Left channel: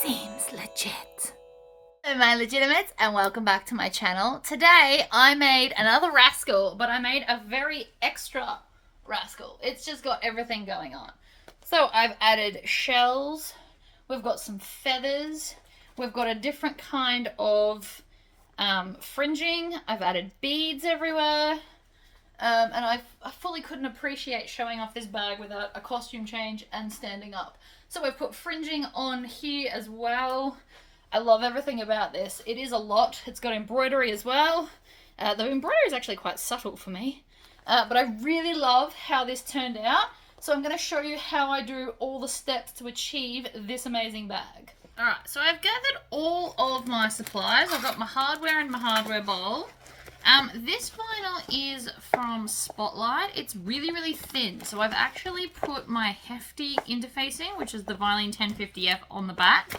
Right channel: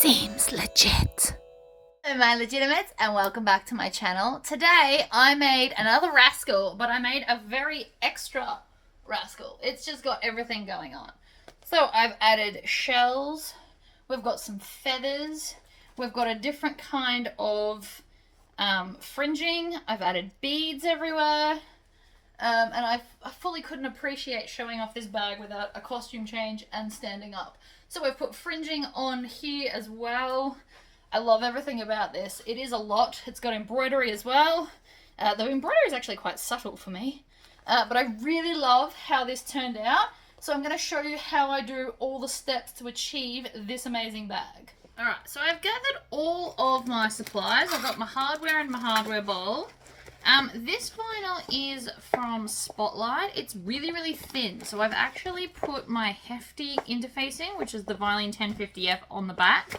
seems legit. Hello my legitimates and welcome back to my channel. Today I made another Rascal, but I made a very extra Rascal. It's just got everything going on. So I've added shells, we've got some feathers, we've got a different kind of fringing, I've added beads everywhere, and I fully couldn't appreciate showing off this bag without a costume change and standing up. So we've put fringing on here as well. I love everything about this. It is a lot. It's got embroidery as well. The embroidery is actually quite subtle for me, but I really love how this turned out. So I'm going to show you how I do all the steps to achieve this amazing bag. Alright, so I've gathered all of my supplies. I've got my hardware and my hardware bowl. This vinyl is from Spotlight. It's really, really thin. So I've actually put my hefty interfacing, which is the Vilene 1050F, on the back.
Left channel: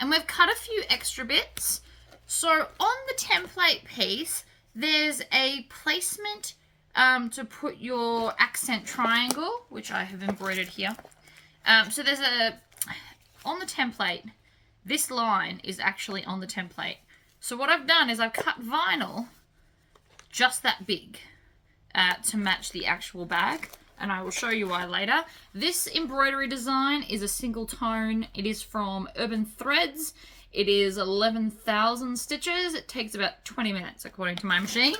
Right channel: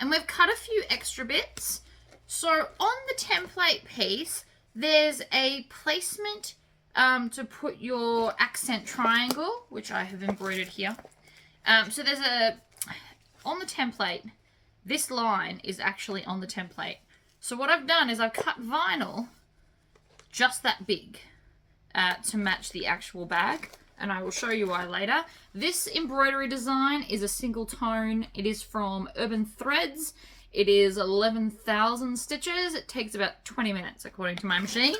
And we've cut a few extra bits. So on the template piece, there's a placement to put your accent triangle, which I have embroidered here. So there's on the template, this line is actually on the template. So what I've done is I've cut vinyl just that big to match the actual bag, and I will show you why later. This embroidery design is a single tone. It is from Urban Threads. It is 11,000 stitches. It takes about 20 minutes according to my machine.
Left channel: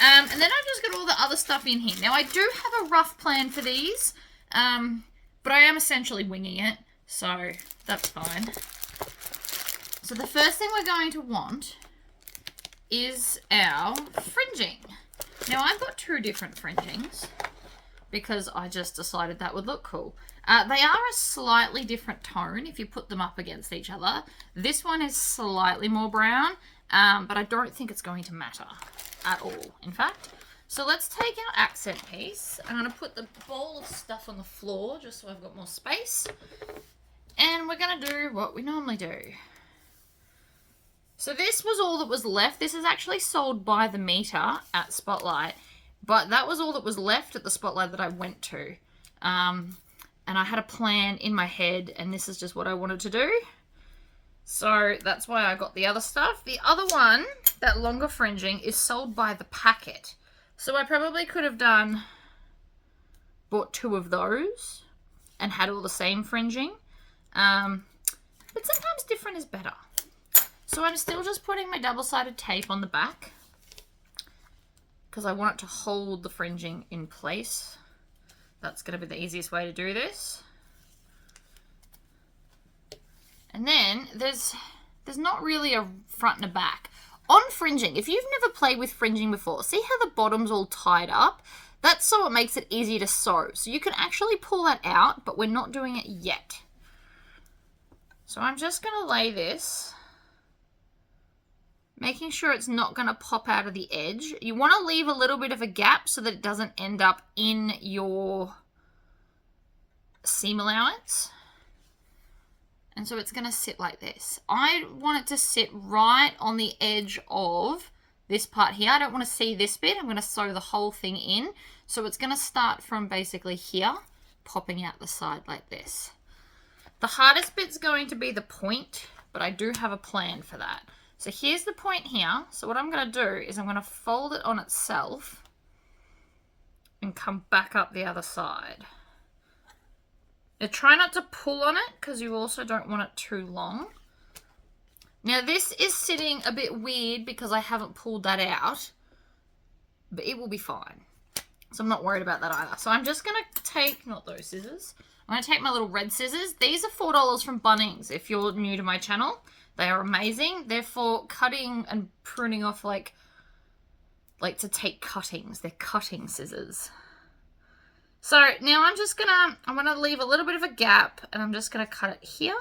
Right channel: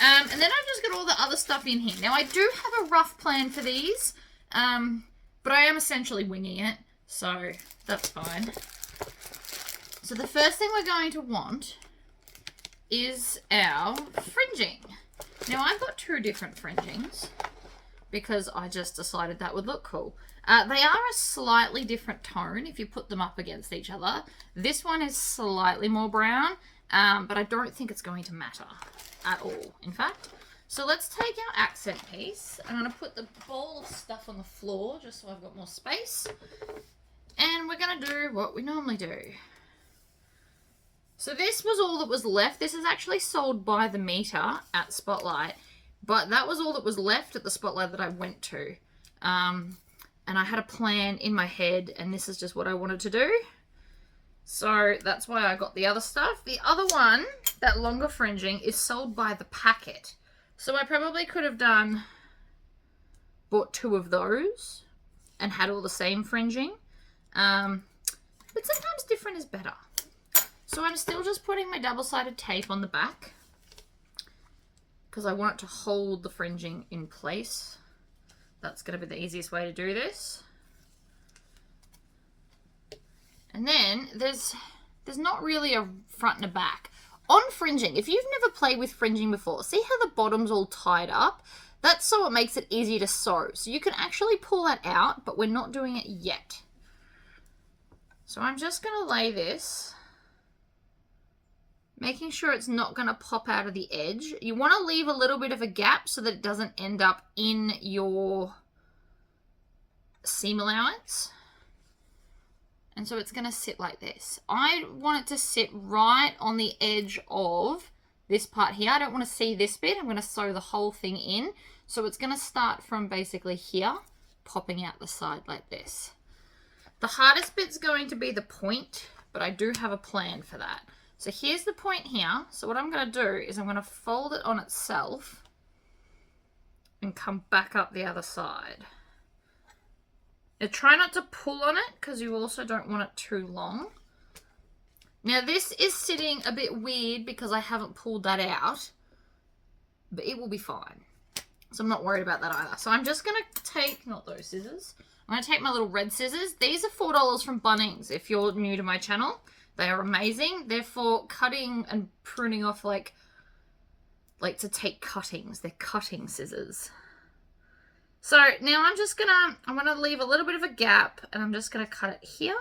And then I've just got all the other stuff in here. Now I do have a rough plan for these, but I am essentially winging it, so that's fine. So the first thing we're going to want is our fringing. Now I've got two different fringings because I just decided that would look cool. They are a slightly different tone if you put them up against each other. This one is slightly more brown, but I don't think it's going to matter at all, in fact. So let's take our accent piece. I'm going to put the ball of stuff on the floor just so I've got more space. And we're going to do what we normally do. So this was all that was left. This is actually sold by the meter at Spotlight, but that was all that was left at the Spotlight that I went to. And I had a plan in my head, and this is just what I wanted to do. So that's why I got the other stuff. The other one, that longer fringing, is sold by the packet. So I probably could have bought two of those and had all the same fringing. But sometimes different is better. So I'm still just putting my double-sided tape on the back because I want it to hold the fringing in place. That's going to be the easiest way to do this. And then there's not really a front and a back. On fringing, if you've never played with fringing before, see how the bottom's all tied up? That's so it makes it easy to sew. So you can actually pull that out, but we're not doing it yet. So I'm just going to lay this, making sure it's not going to pop out of the edge. You want to leave a little bit of a gap so that it doesn't end up in your seam allowance. And so it's going to sit like this. I want it to sit right on the edge of this part here. I don't want to see this bit. I'm going to sew the whole thing in. So it's going to start from basically here, popping out the side like this. The hardest bit's going to be the point, but I do have a plan for that. So here's the point here. So what I'm going to do is I'm going to fold it on itself and come back up the other side. Now try not to pull on it because you also don't want it too long. Now this is sitting a bit weird because I haven't pulled that out, but it will be fine. So I'm not worried about that either. So I'm just going to take, not those scissors, I'm going to take my little red scissors. These are $4 from Bunnings if you're new to my channel. They are amazing. They're for cutting and pruning off like to take cuttings. They're cutting scissors. So now I'm going to leave a little bit of a gap and I'm just going to cut it here.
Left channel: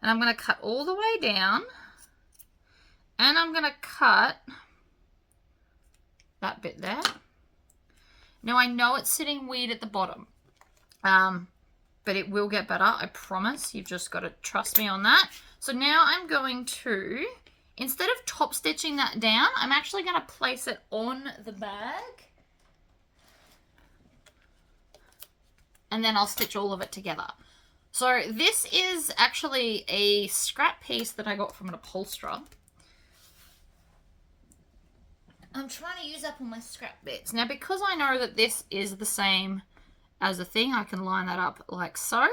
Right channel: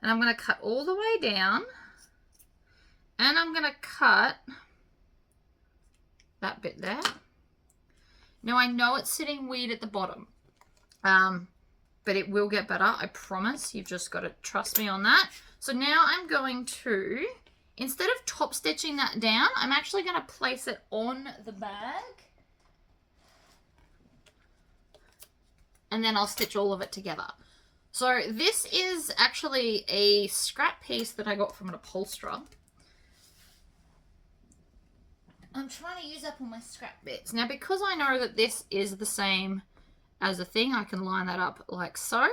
And I'm going to cut all the way down. And I'm going to cut that bit there. Now I know it's sitting weird at the bottom. But it will get better, I promise. You've just got to trust me on that. So now I'm going to, instead of top stitching that down, I'm actually going to place it on the bag. And then I'll stitch all of it together. So this is actually a scrap piece that I got from an upholsterer. I'm trying to use up all my scrap bits. Now, because I know that this is the same as the thing, I can line that up like so.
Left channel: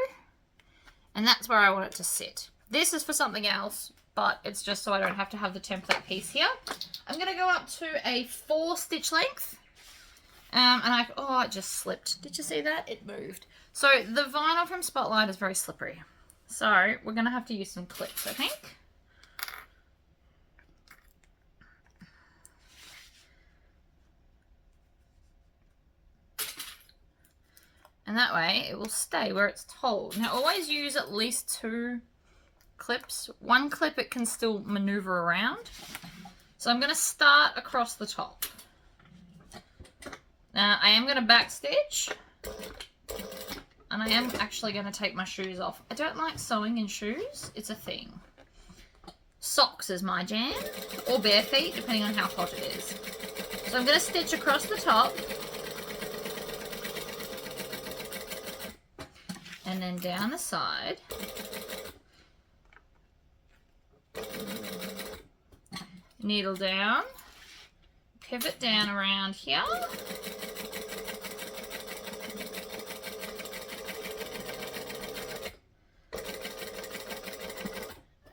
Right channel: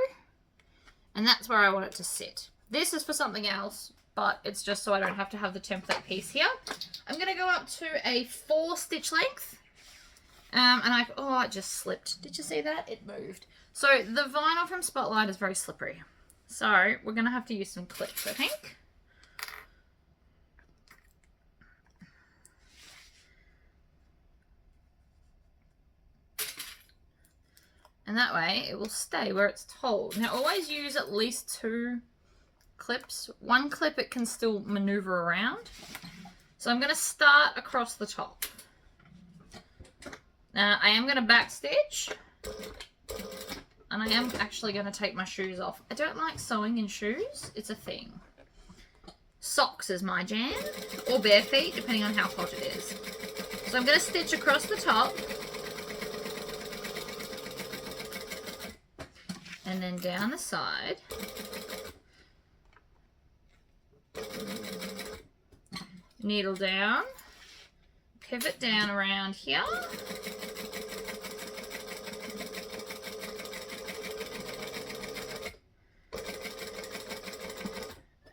And that's where I want it to sit. This is for something else, but it's just so I don't have to have the template piece here. I'm going to go up to a 4 stitch length. Oh, it just slipped. Did you see that? It moved. So the vinyl from Spotlight is very slippery. So we're going to have to use some clips, I think. And that way it will stay where it's told. Now always use at least 2 clips. 1 clip it can still maneuver around. So I'm going to start across the top. Now I am going to back stitch. And I am actually going to take my shoes off. I don't like sewing in shoes. It's a thing. Socks is my jam. Or bare feet, depending on how hot it is. So I'm going to stitch across the top. And then down the side. Needle down. Pivot down around here.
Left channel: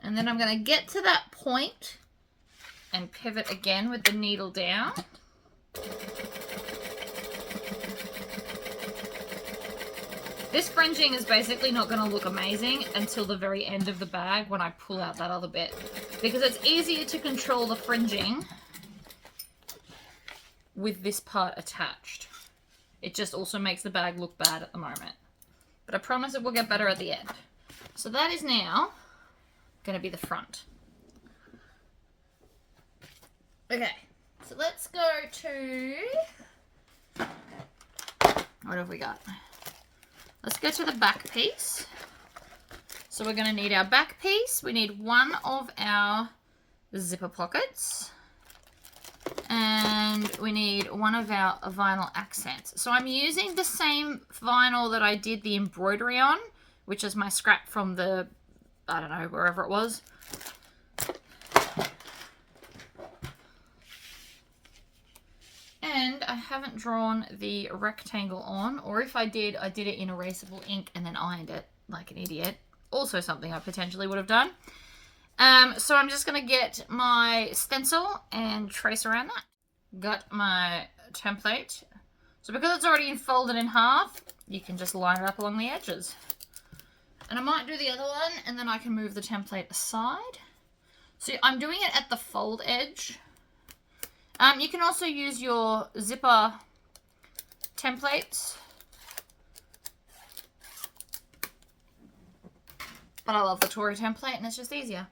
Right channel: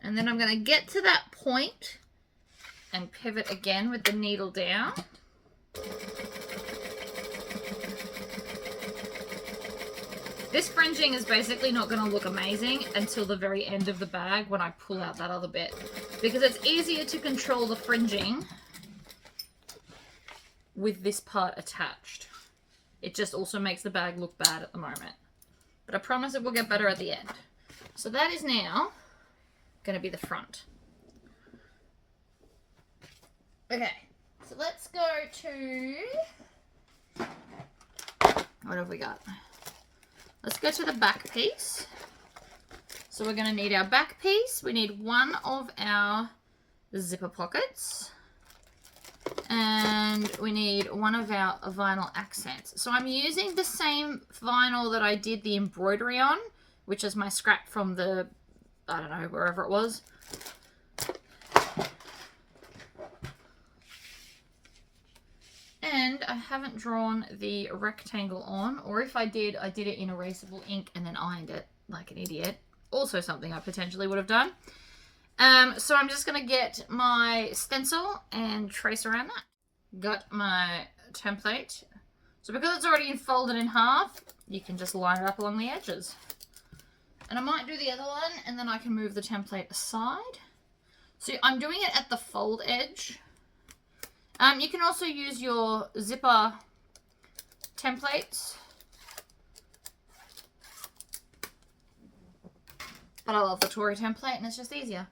And then I'm going to get to that point and pivot again with the needle down. This fringing is basically not going to look amazing until the very end of the bag when I pull out that other bit, because it's easier to control the fringing with this part attached. It just also makes the bag look bad at the moment. But I promise it will get better at the end. So that is now going to be the front. Okay, so let's go to, what have we got? Let's go to the back piece. So we're going to need our back piece. We need one of our zipper pockets. And we need one of our vinyl accents. So I'm using the same vinyl that I did the embroidery on, which is my scrap from the, I don't know, wherever it was. And I haven't drawn the rectangle on, or if I did it in erasable ink and then ironed it like an idiot. Also something I potentially would have done. So I'm just going to get my stencil and trace around that. Got my template. So because it's already folded in half, you can just line it up along the edges. And I might do the other one and then I can move the template aside. So I'm doing it at the fold edge. You can also use your zipper templates. But I love the Tory template and it's just easier.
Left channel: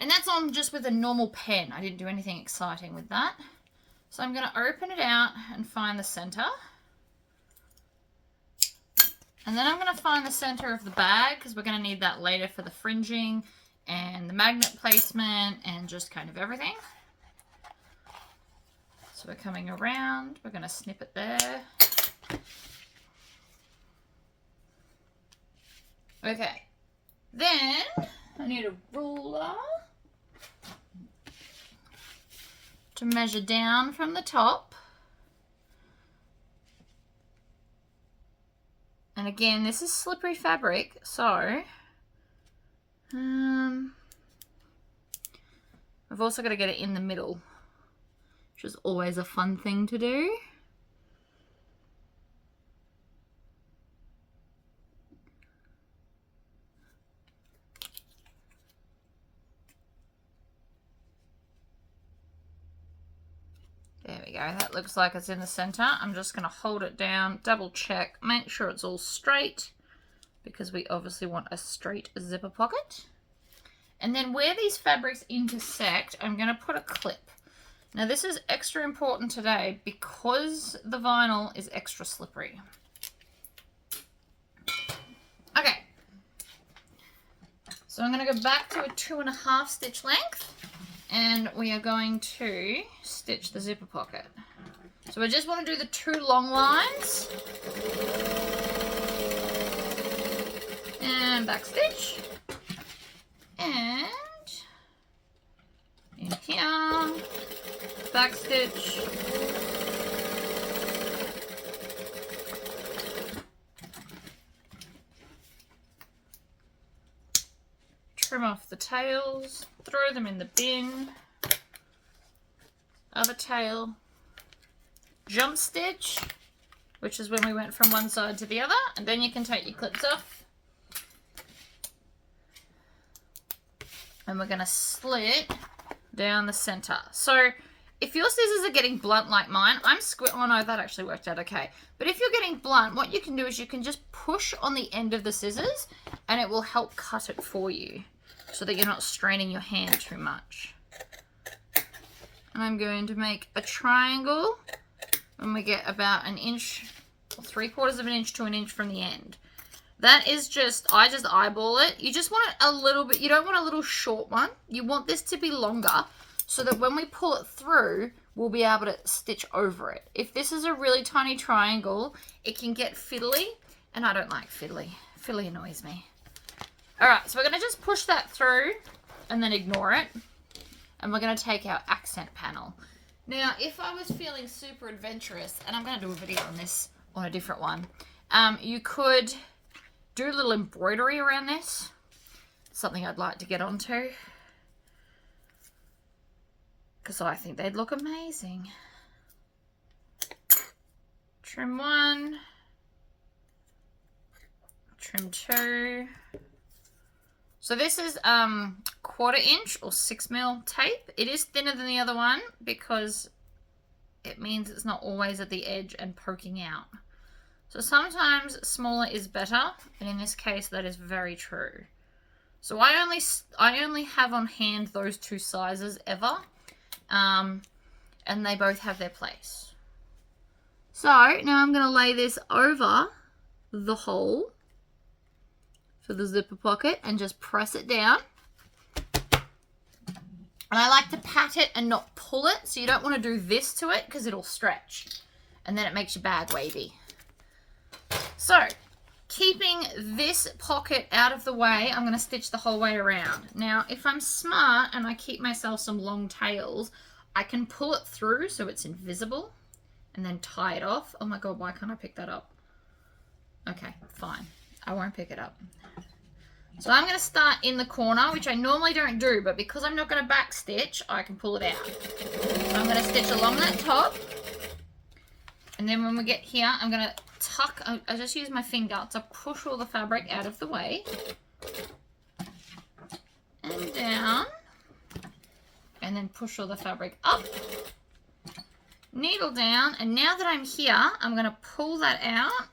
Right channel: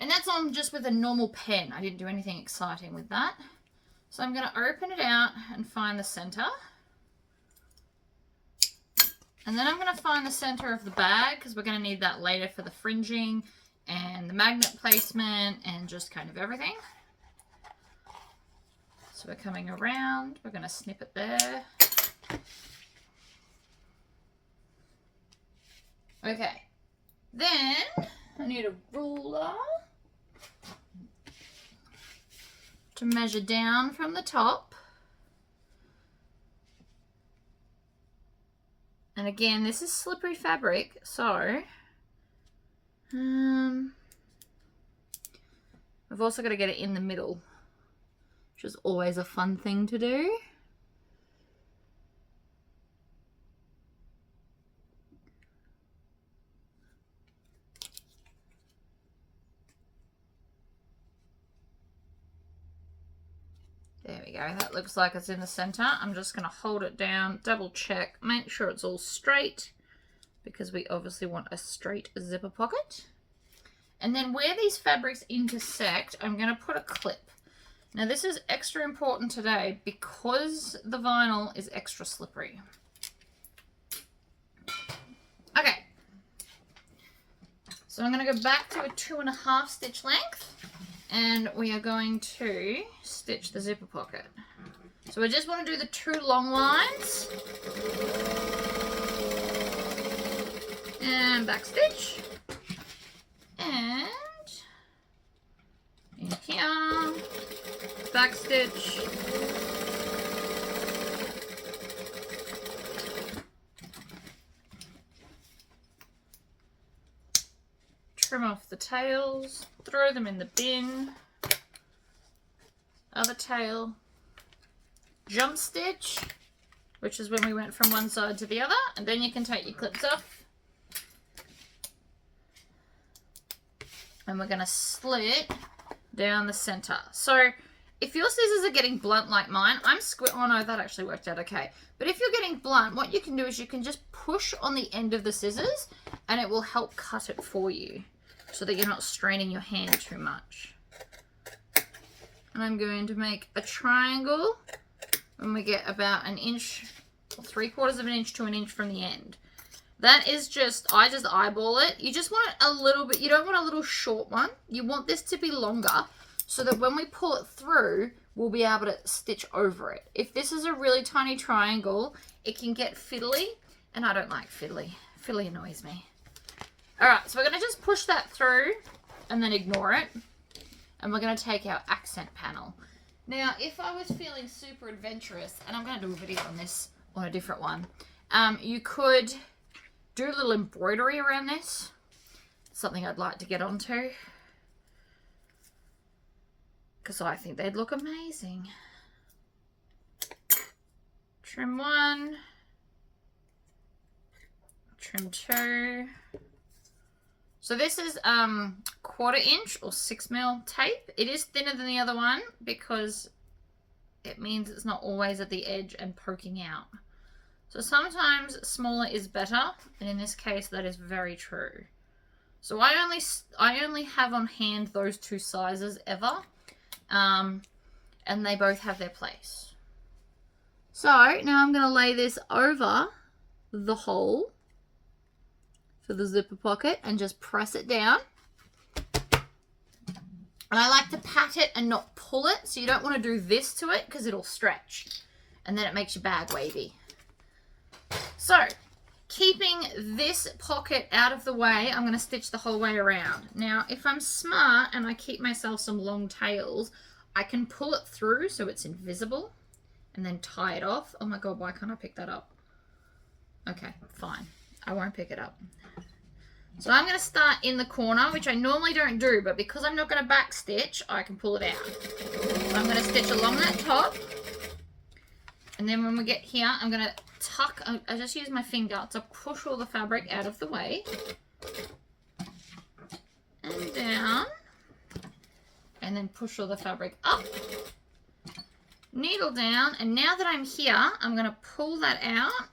And that's on just with a normal pen. I didn't do anything exciting with that. So I'm going to open it out and find the center. And then I'm going to find the center of the bag because we're going to need that later for the fringing and the magnet placement and just kind of everything. So we're coming around, we're going to snip it there. Okay, then I need a ruler to measure down from the top. And again, this is slippery fabric, so I've also got to get it in the middle, which is always a fun thing to do. There we go, that looks like it's in the center. I'm just going to hold it down, double check, make sure it's all straight, because we obviously want a straight zipper pocket. And then where these fabrics intersect, I'm going to put a clip. Now this is extra important today because the vinyl is extra slippery. Okay, so I'm going to go back to a 2.5 stitch length and we are going to stitch the zipper pocket. So I just want to do the 2 long lines. and back stitch. And in here, back stitch. Trim off the tails, throw them in the bin. Other tail, jump stitch, which is when we went from one side to the other, and then you can take your clips off. And we're going to slit down the center. So if your scissors are getting blunt like mine, oh no, that actually worked out okay. But if you're getting blunt, what you can do is you can just push on the end of the scissors and it will help cut it for you so that you're not straining your hand too much. And I'm going to make a triangle when we get about an inch, or 3/4 of an inch to an inch from the end. That is I just eyeball it. You just want it a little bit, you don't want a little short one. You want this to be longer so that when we pull it through, we'll be able to stitch over it. If this is a really tiny triangle, it can get fiddly, and I don't like fiddly. Fiddly annoys me. All right, so we're gonna just push that through and then ignore it. And we're going to take our accent panel. Now, if I was feeling super adventurous, and I'm going to do a video on this on a different one, you could do a little embroidery around this. Something I'd like to get onto, because I think they'd look amazing. Trim 1, trim 2. So this is 1/4 inch or 6mm tape. It is thinner than the other one because it means it's not always at the edge and poking out. So sometimes smaller is better, and in this case that is very true. So I only have on hand those two sizes ever, and they both have their place. So now I'm going to lay this over the hole for the zipper pocket and just press it down. And I like to pat it and not pull it, so you don't want to do this to it because it'll stretch and then it makes your bag wavy. So keeping this pocket out of the way, I'm going to stitch the whole way around. Now if I'm smart and I keep myself some long tails, I can pull it through so it's invisible and then tie it off. Oh my god, why can't I pick that up? Okay, fine, I won't pick it up. So I'm going to start in the corner, which I normally don't do, but because I'm not going to back stitch, I can pull it out. So I'm going to stitch along that top, and then when we get here, I'm going to tuck, I just use my finger to push all the fabric out of the way, and down, and then push all the fabric up, needle down, and now that I'm here, I'm going to pull that out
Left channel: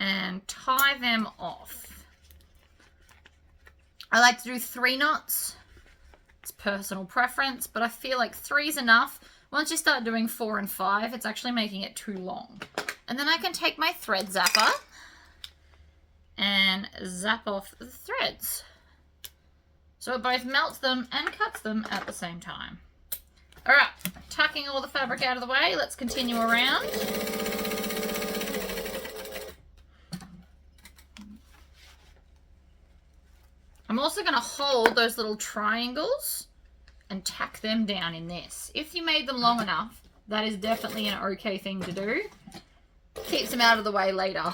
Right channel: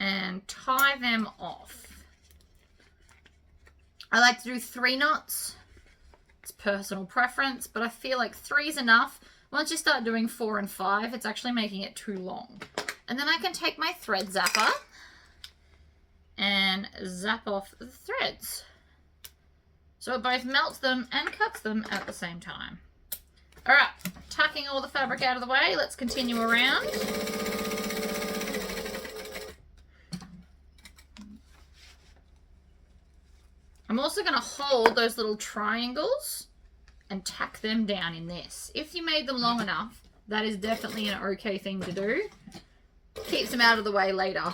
and tie them off. I like to do 3 knots. It's personal preference, but I feel like 3 is enough. Once you start doing 4 and 5, it's actually making it too long. And then I can take my thread zapper and zap off the threads. So it both melts them and cuts them at the same time. All right, tucking all the fabric out of the way, let's continue around. I'm also going to hold those little triangles and tack them down in this. If you made them long enough, that is definitely an okay thing to do. Keeps them out of the way later.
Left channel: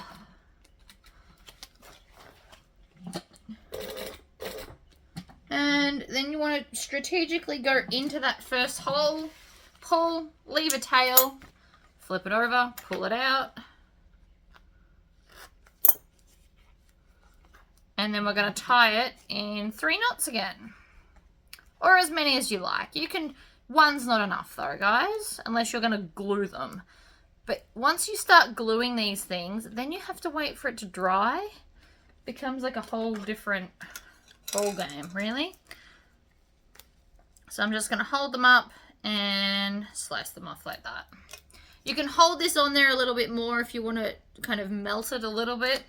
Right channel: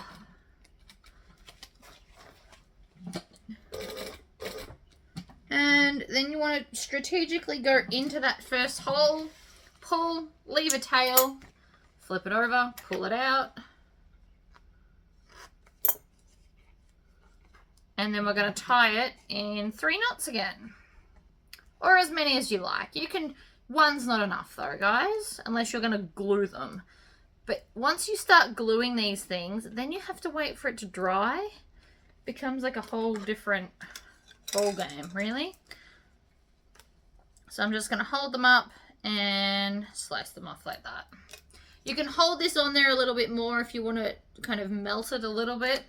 And then you want to strategically go into that first hole, pull, leave a tail, flip it over, pull it out. And then we're going to tie it in 3 knots again. Or as many as you like. You can, one's not enough though, guys, unless you're going to glue them. But once you start gluing these things, then you have to wait for it to dry. It becomes like a whole different ball game, really. So I'm just going to hold them up and slice them off like that. You can hold this on there a little bit more if you want to kind of melt it a little bit.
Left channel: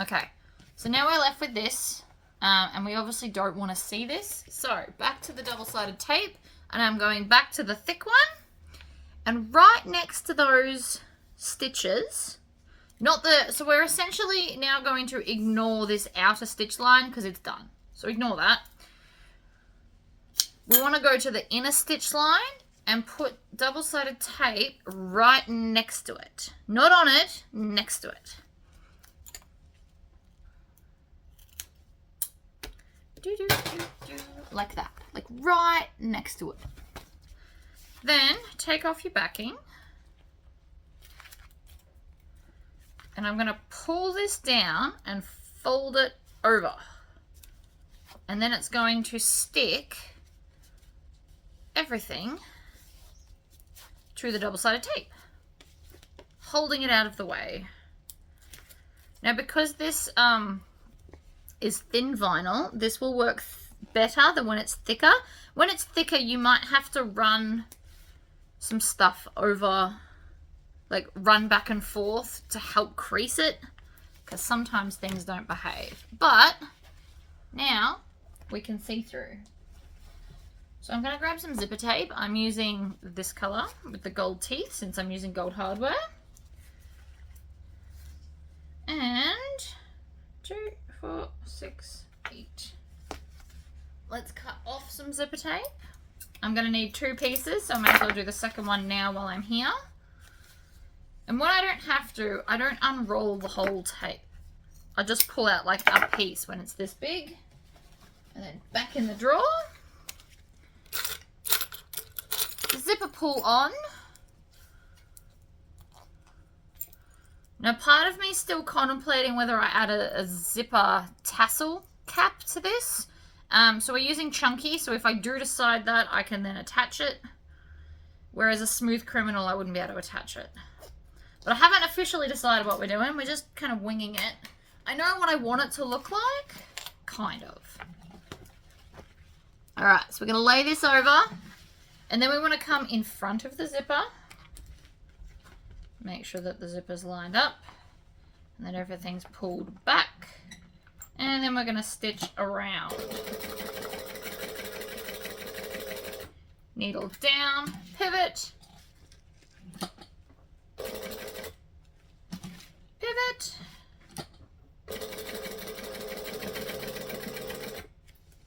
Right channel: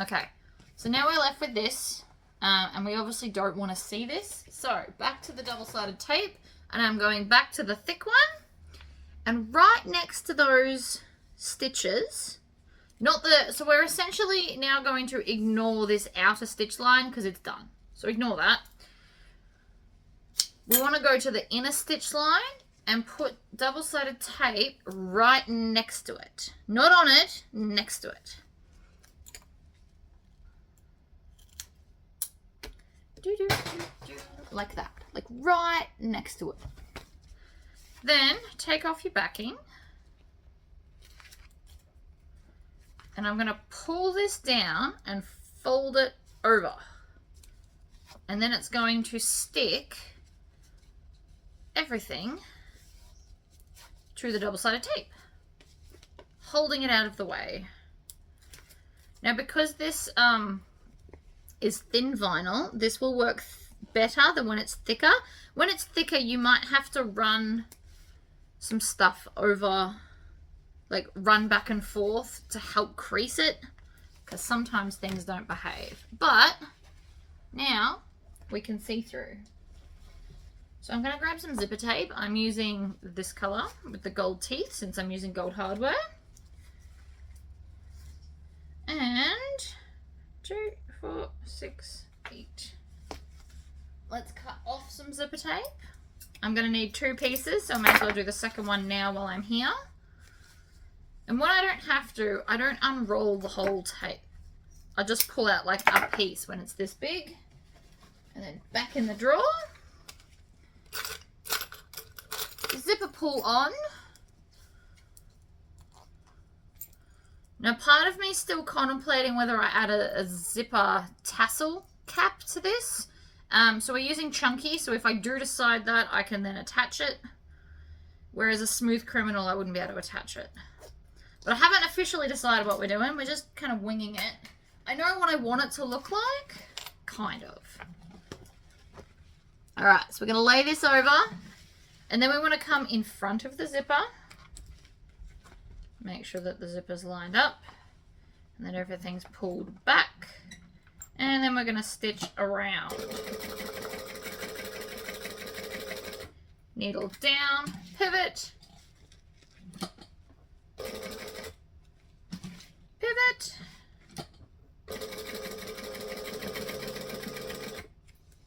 Okay, so now we're left with this, and we obviously don't want to see this. So back to the double-sided tape, and I'm going back to the thick one, and right next to those stitches. Not the, so we're essentially now going to ignore this outer stitch line because it's done. So ignore that. We want to go to the inner stitch line and put double-sided tape right next to it. Not on it, next to it. Like that, like right next to it. Then take off your backing. And I'm going to pull this down and fold it over. And then it's going to stick everything through the double-sided tape, holding it out of the way. Now, because this is thin vinyl, this will work better than when it's thicker. When it's thicker, you might have to run some stuff over, like run back and forth to help crease it, because sometimes things don't behave. But now we can see through. So I'm going to grab some zipper tape. I'm using this color with the gold teeth since I'm using gold hardware. And 2, 4, 6, 8. Let's cut off some zipper tape. I'm going to need 2 pieces, so I might as well do the second one now while I'm here. And when I don't have to, I don't unroll the whole tape. I just pull out like a piece when it's this big. And then back in the drawer. Zipper pull on. Now part of me is still contemplating whether I add a zipper tassel cap to this. So we're using chunky, so if I do decide that, I can then attach it. Whereas a smooth criminal, I wouldn't be able to attach it. But I haven't officially decided what we're doing. We're just kind of winging it. I know what I want it to look like. Kind of. Alright, so we're going to lay this over. And then we want to come in front of the zipper. Make sure that the zipper's lined up. And that everything's pulled back. And then we're going to stitch around. Needle down, pivot. Pivot.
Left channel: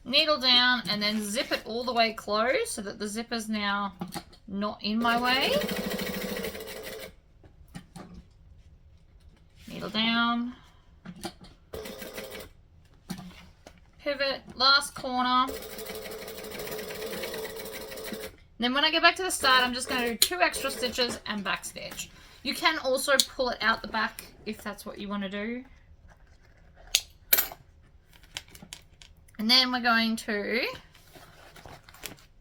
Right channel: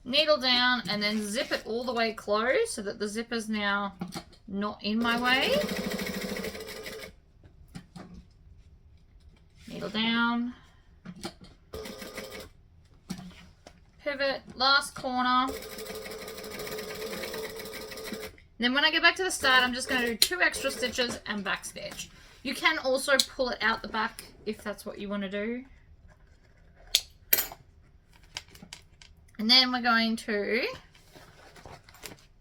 Needle down, and then zip it all the way closed so that the zipper's now not in my way. Needle down. Pivot, last corner. Then when I get back to the start, I'm just going to do 2 extra stitches and back stitch. You can also pull it out the back if that's what you want to do. And then we're going to,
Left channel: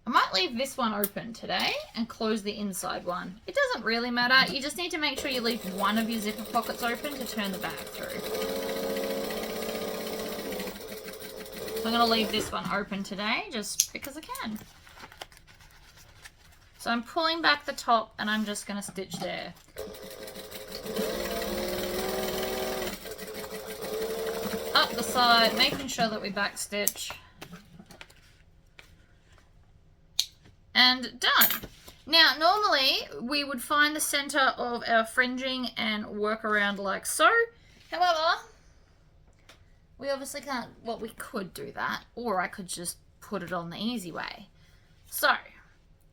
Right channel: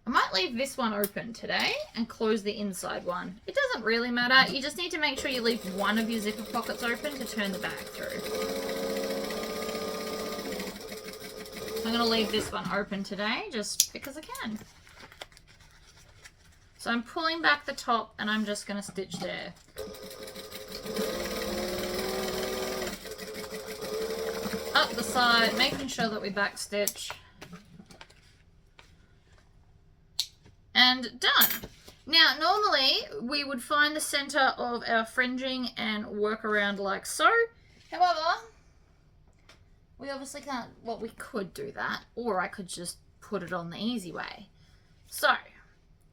I might leave this one open today and close the inside one. It doesn't really matter. You just need to make sure you leave one of your zipper pockets open to turn the bag through. I'm going to leave this one open today just because I can. So I'm pulling back the top and I'm just going to stitch there. Up the side, making sure that we back stitch. And done. Now, normally we would find the center of our fringing and work around like so. However, we obviously can't, well, we could do that, or I could just put it on the easy way. So,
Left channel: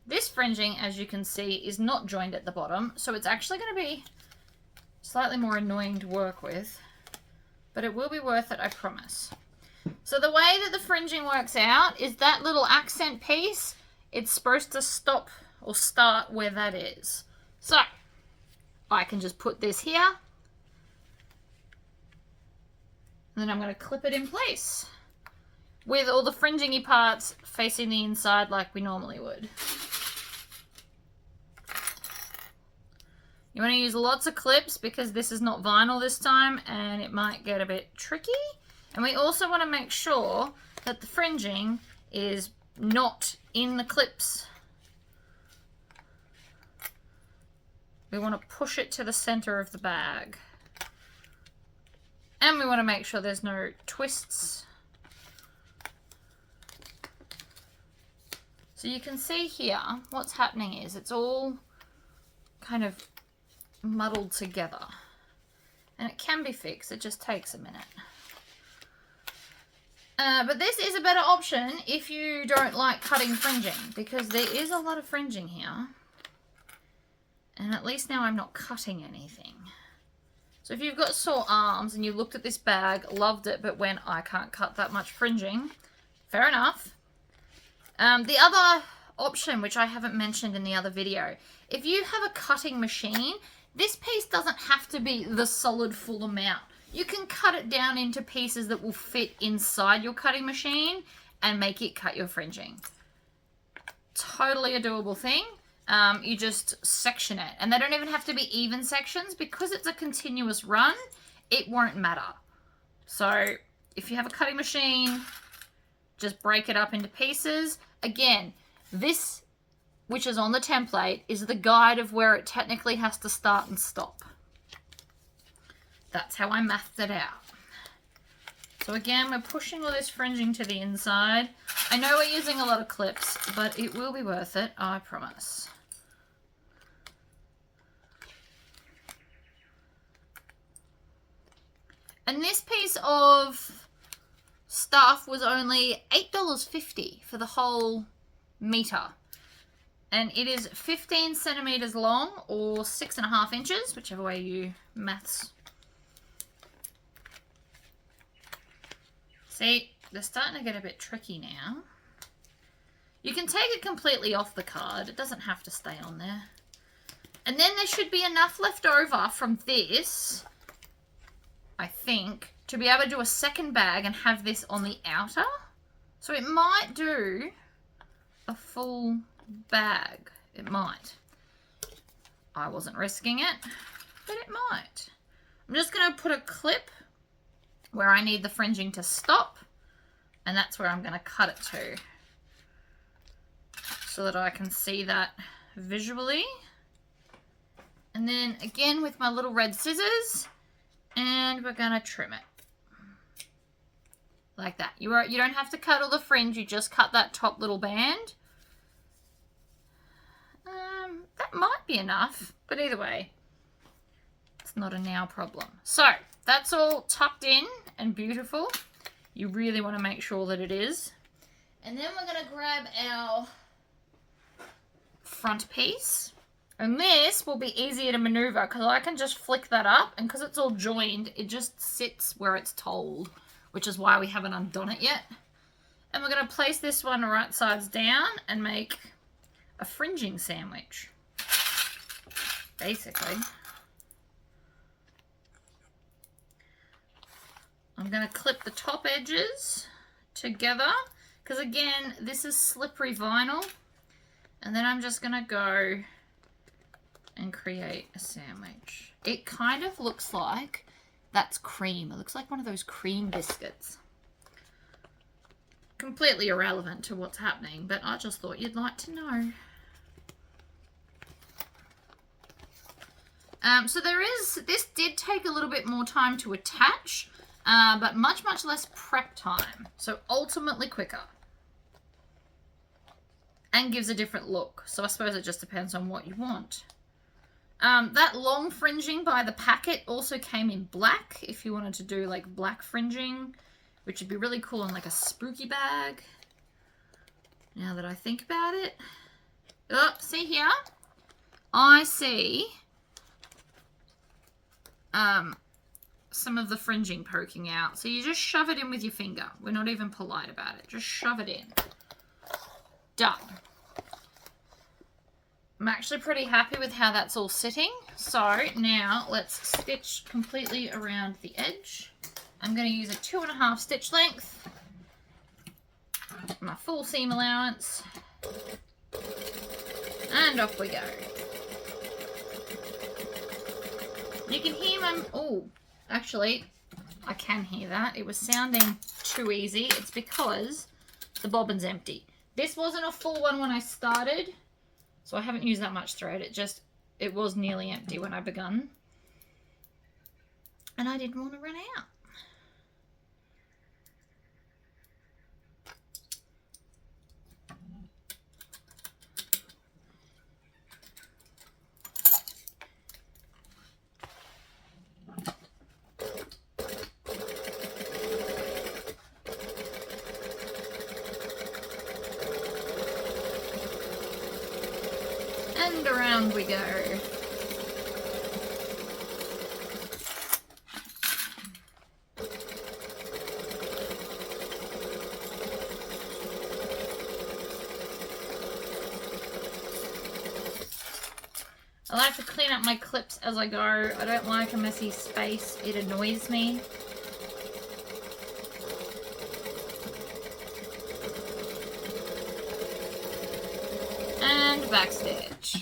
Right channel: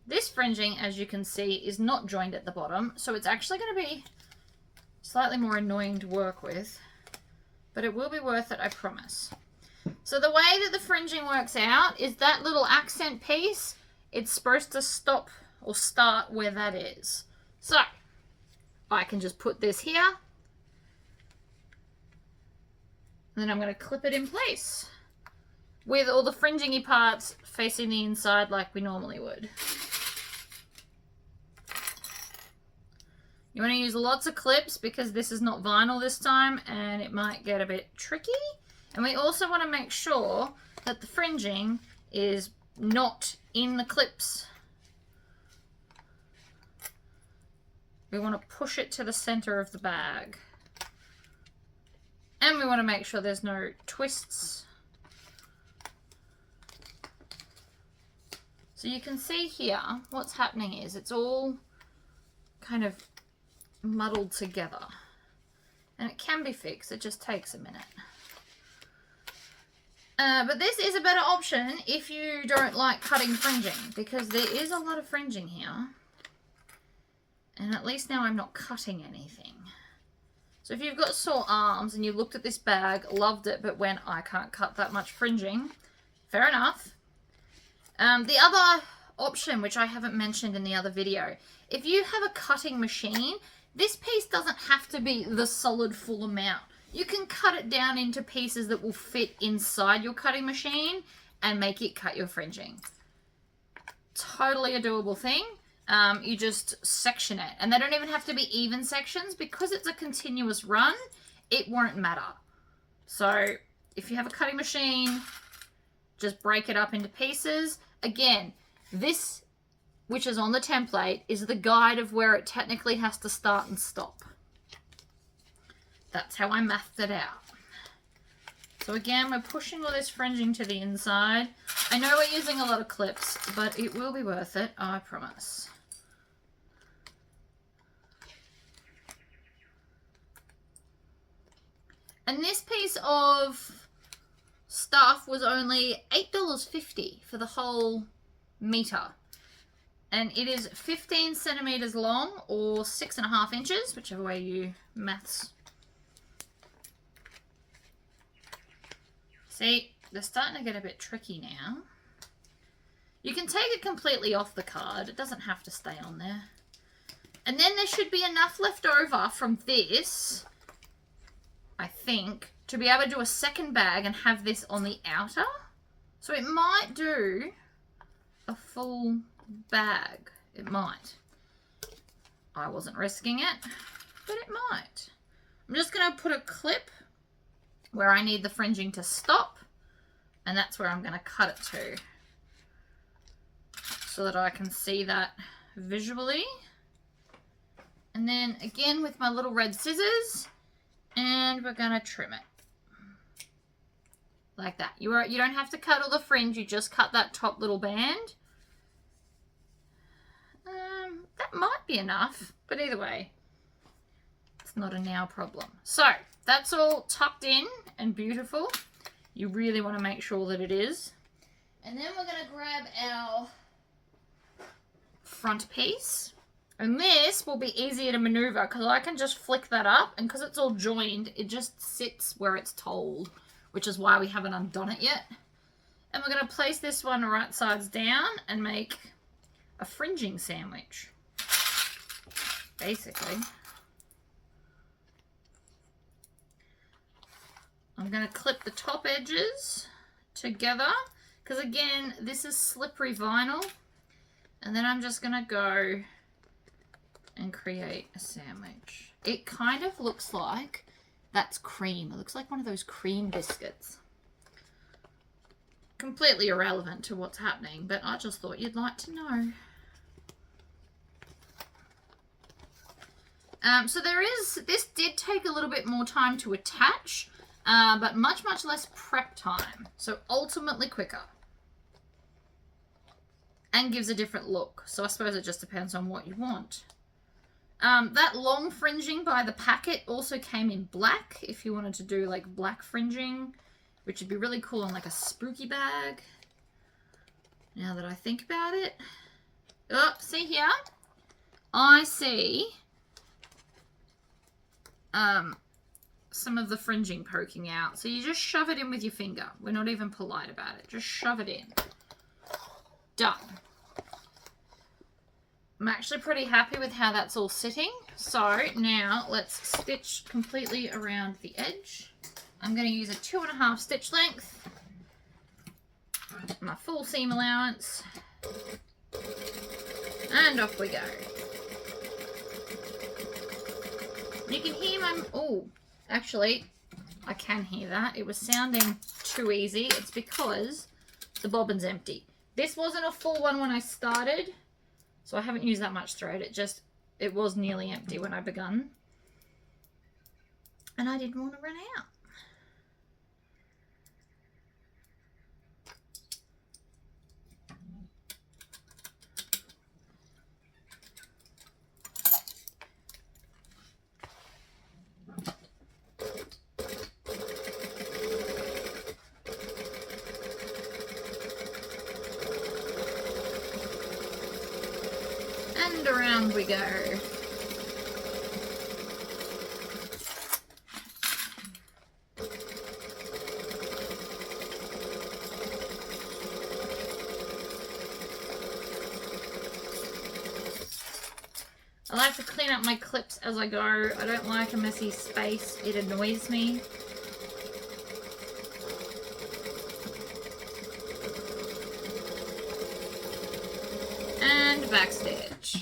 this fringing, as you can see, is not joined at the bottom, so it's actually going to be slightly more annoying to work with, but it will be worth it, I promise. So the way that the fringing works out is that little accent piece, it's supposed to stop or start where that is. So, I can just put this here, and then I'm going to clip it in place with all the fringingy parts facing the inside like we normally would. You want to use lots of clips because this is not vinyl this time and it might get a bit tricky. And we also want to make sure that the fringing is not in the clips. We want to push it to the center of the bag. And we want to make sure there's no twists. So you can see here, what's happening is it's all kind of muddled together. And it can be fixed, it just takes a minute. But this is a better option if you don't like cutting fringing, because there is a lot of fringing here. And at least now I'm not cutting anything. So if you've got sore arms and you looked at this bag, loved it, but went, I can't cut that much fringing, fair enough. The other option, which I haven't mentioned in the other video, if you have a cutting machine, this piece doesn't have to be the solid full amount. You can cut it down into pieces that will fit inside your cutting machine and make it cut your fringing. Totally a doable thing. You just section it, and they don't even have to be even sections because it's a continuous run. It won't matter. So if you have a cutting machine, just break it up into pieces. Again, this, which is on the template, is the guide of where it technically has to start and stop. That's how I mathed it out. So again, we're pushing all this fringing to the inside. I know we're using a lot of clips, but it will be worth it, I promise. And this piece of stuff was only $8.50 for the whole meter. And it is 15 centimeters long, or 6.5 inches, whichever way you maths. See, they're starting to get a bit tricky now. You can take it completely off the card. It doesn't have to stay on there. And then there should be enough left over from this, I think, to be able to do a second bag and have this on the outer. So it might do a full bag. It might. I wasn't risking it, but it might. I'm just going to put a clip where I need the fringing to stop, and that's where I'm going to cut it to, so that I can see that visually. And then again with my little red scissors, and we're going to trim it like that. You don't have to cut all the fringe, you just cut that top little band. That might be enough, but either way, it's not a now problem. So that's all tucked in and beautiful. You really want to make sure that it is. And then we're going to grab our front piece. And this will be easier to maneuver because I can just flick that up, and because it's all joined, it just sits where it's told, which is why we haven't undone it yet. And we're going to place this one right sides down and make a fringing sandwich, basically. I'm going to clip the top edges together because, again, this is slippery vinyl. And then I'm just going to go and create a sandwich. It kind of looks like that's cream. It looks like one of those cream biscuits. Completely irrelevant to what's happening, but I just thought you'd like to know. So this did take a little bit more time to attach, but much less prep time. So ultimately quicker. And gives a different look. So I suppose it just depends on what you want. That long fringing by the packet also came in black, if you wanted to do like black fringing, which would be really cool in like a spooky bag. Now that I think about it. Oh, see here? I see some of the fringing poking out. So you just shove it in with your finger. We're not even polite about it. Just shove it in. Done. I'm actually pretty happy with how that's all sitting. So now let's stitch completely around the edge. I'm going to use a 2.5 stitch length, my full seam allowance, and off we go. You can hear my, oh, actually, I can hear that. It was sounding too easy. It's because the bobbin's empty. This wasn't a full one when I started, so I haven't used that much thread. It was nearly empty when I begun. And I didn't want to run out. and around we go. I like to clean up my clips as I go. I don't like a messy space. It annoys me. And backstitch.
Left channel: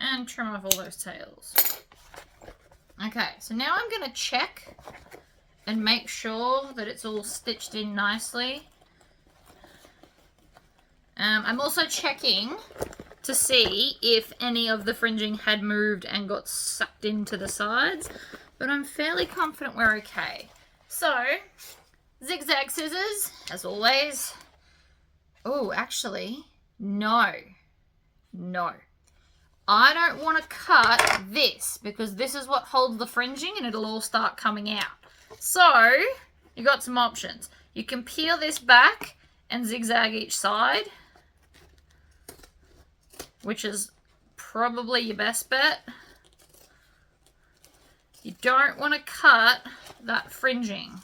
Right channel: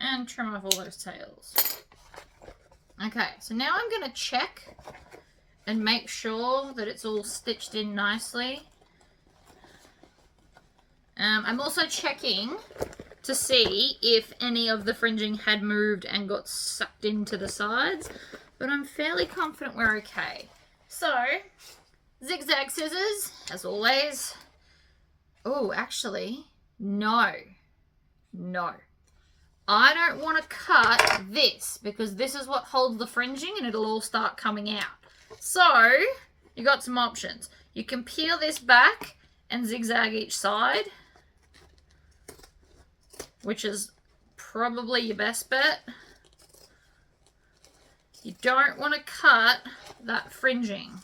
And trim off all those tails. Okay, so now I'm going to check and make sure that it's all stitched in nicely. I'm also checking to see if any of the fringing had moved and got sucked into the sides, but I'm fairly confident we're okay. So, zigzag scissors, as always. Oh, actually, no. I don't want to cut this because this is what holds the fringing and it'll all start coming out. So, you got some options. You can peel this back and zigzag each side, which is probably your best bet. You don't want to cut that fringing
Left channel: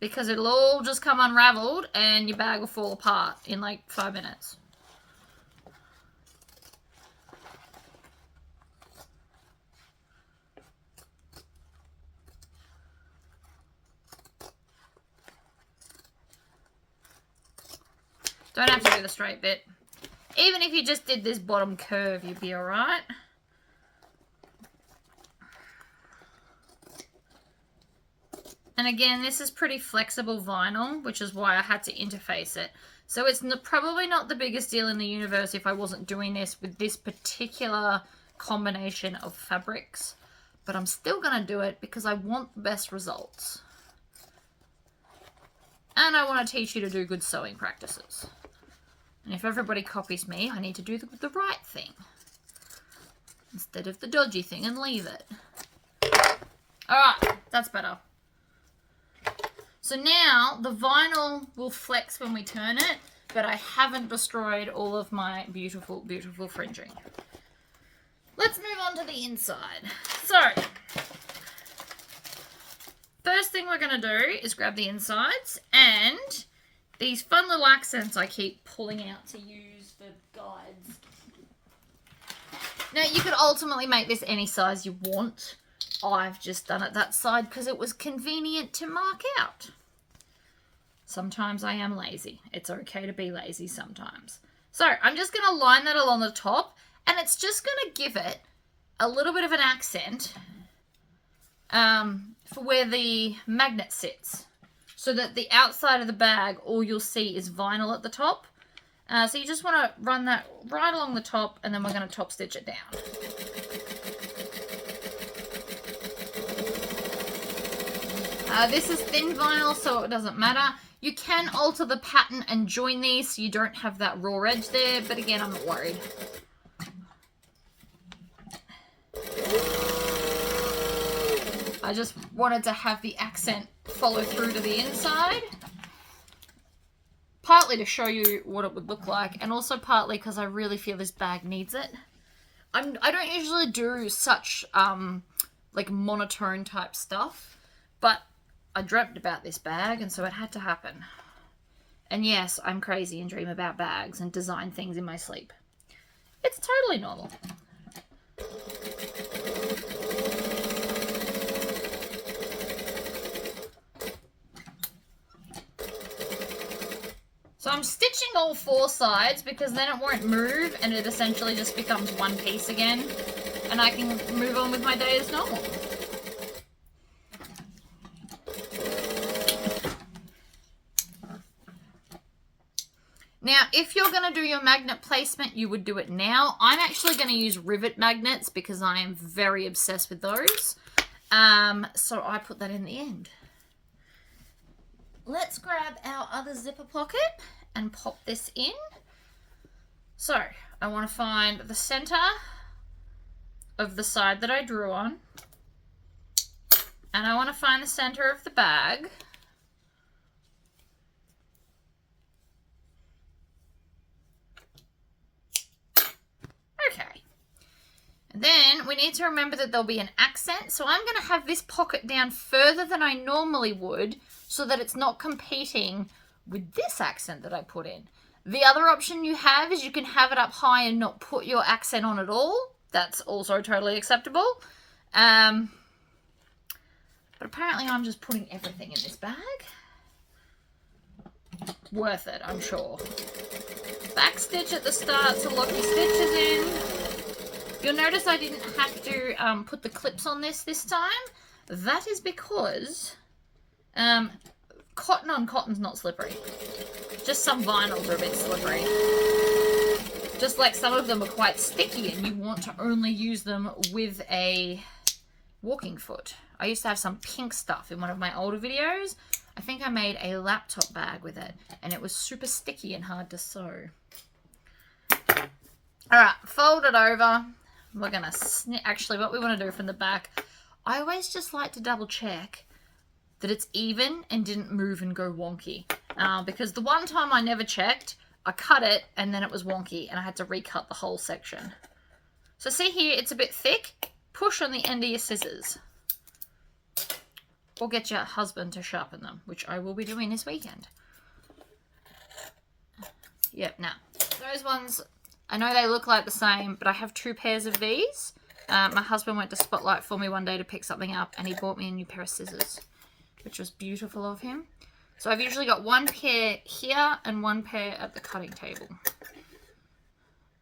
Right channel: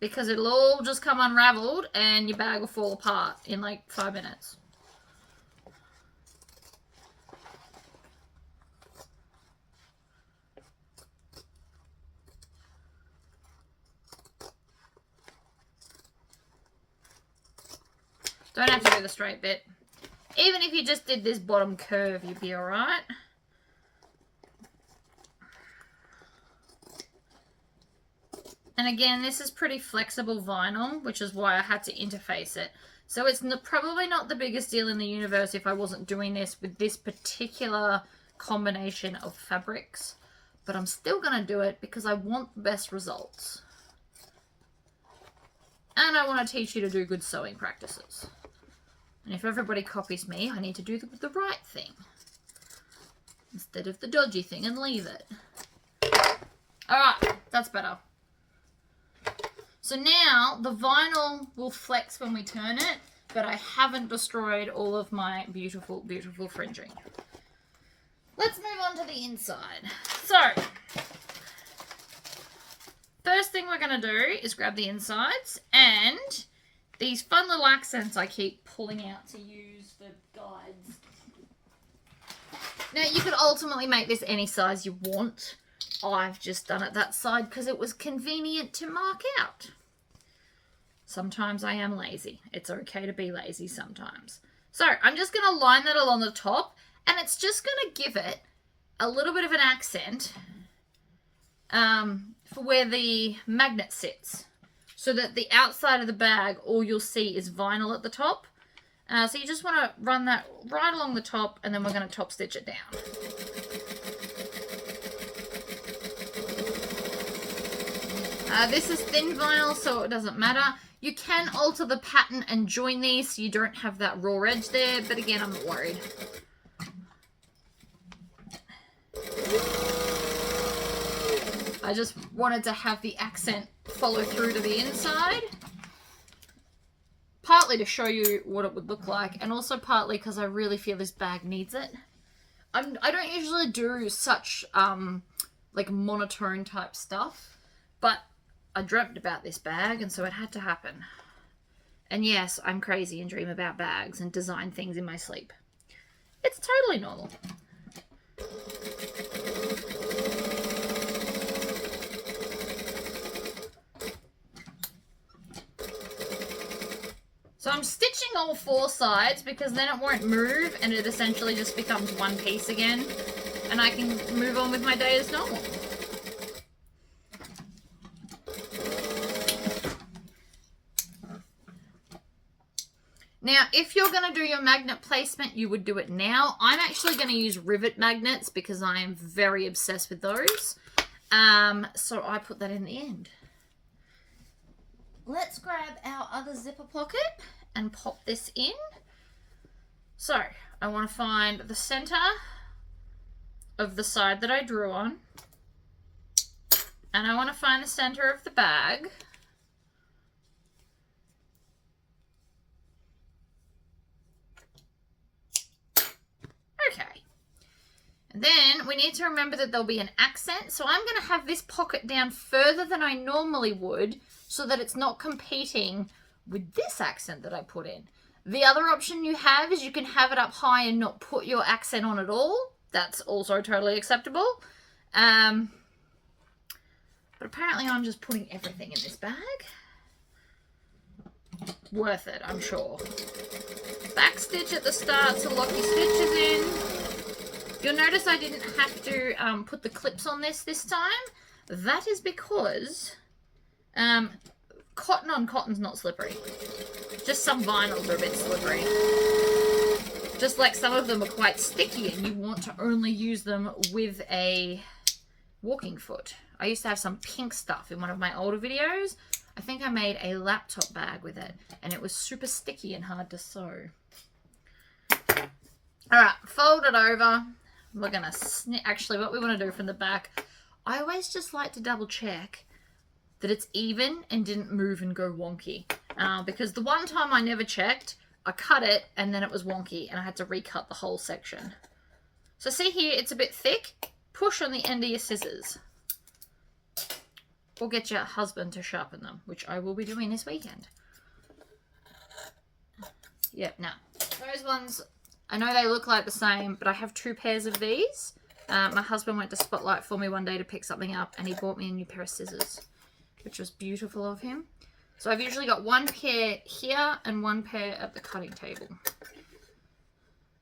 because it'll all just come unraveled and your bag will fall apart in like 5 minutes. Don't have to do the straight bit. Even if you just did this bottom curve, you'd be alright. And again, this is pretty flexible vinyl, which is why I had to interface it. So it's probably not the biggest deal in the universe if I wasn't doing this with this particular combination of fabrics. But I'm still going to do it because I want the best results. And I want to teach you to do good sewing practices. And if everybody copies me, I need to do the right thing instead of the dodgy thing and leave it. Alright, that's better. So now the vinyl will flex when we turn it, but I haven't destroyed all of my beautiful, beautiful fringing. Let's move on to the inside. So, first thing we're going to do is grab the insides and these fun little accents I keep pulling out to use for guides. Now, you could ultimately make this any size you want. I've just done it that side because it was convenient to mark out. Sometimes I am lazy. It's okay to be lazy sometimes. So, I'm just going to line that along the top, and it's just going to give it a little bit of an accent for where the magnet sits. So that the outside of the bag, all you'll see is vinyl at the top. So you just want to run that right along the top, and then we're going to top stitch it down. This is thin vinyl, so it doesn't matter. You can alter the pattern and join these so you don't have that raw edge there, but again, I'm not worried. I just wanted to have the accent follow through to the inside. Partly to show you what it would look like, and also partly because I really feel this bag needs it. I don't usually do such like monotone type stuff, but I dreamt about this bag, and so it had to happen. And yes, I'm crazy and dream about bags and design things in my sleep. It's totally normal. So I'm stitching all 4 sides because then it won't move and it essentially just becomes one piece again, and I can move on with my day as normal. Now, if you're going to do your magnet placement, you would do it now. I'm actually going to use rivet magnets because I am very obsessed with those. So I put that in the end. Let's grab our other zipper pocket and pop this in. So I want to find the center of the side that I drew on. And I want to find the center of the bag. then we need to remember that there'll be an accent. So I'm going to have this pocket down further than I normally would so that it's not competing with this accent that I put in. The other option you have is you can have it up high and not put your accent on at all. That's also totally acceptable. But apparently I'm just putting everything in this bag. Worth it, I'm sure. Back stitch at the start to lock your stitches in. You'll notice I didn't have to put the clips on this time. That is because cotton on cotton's not slippery. Just some vinyls are a bit slippery. Just like some of them are quite sticky and you want to only use them with a walking foot. I used to have some pink stuff in one of my older videos. I think I made a laptop bag with it and it was super sticky and hard to sew. Alright, fold it over. We're going to snip. Actually, what we want to do from the back, I always just like to double check that it's even and didn't move and go wonky. Because the one time I never checked, I cut it and then it was wonky and I had to recut the whole section. So see here, it's a bit thick. Push on the end of your scissors. Or get your husband to sharpen them, which I will be doing this weekend. Yep, now, those ones, I know they look like the same, but I have 2 pairs of these. My husband went to Spotlight for me one day to pick something up, and he bought me a new pair of scissors, which was beautiful of him. So I've usually got 1 pair here and 1 pair at the cutting table.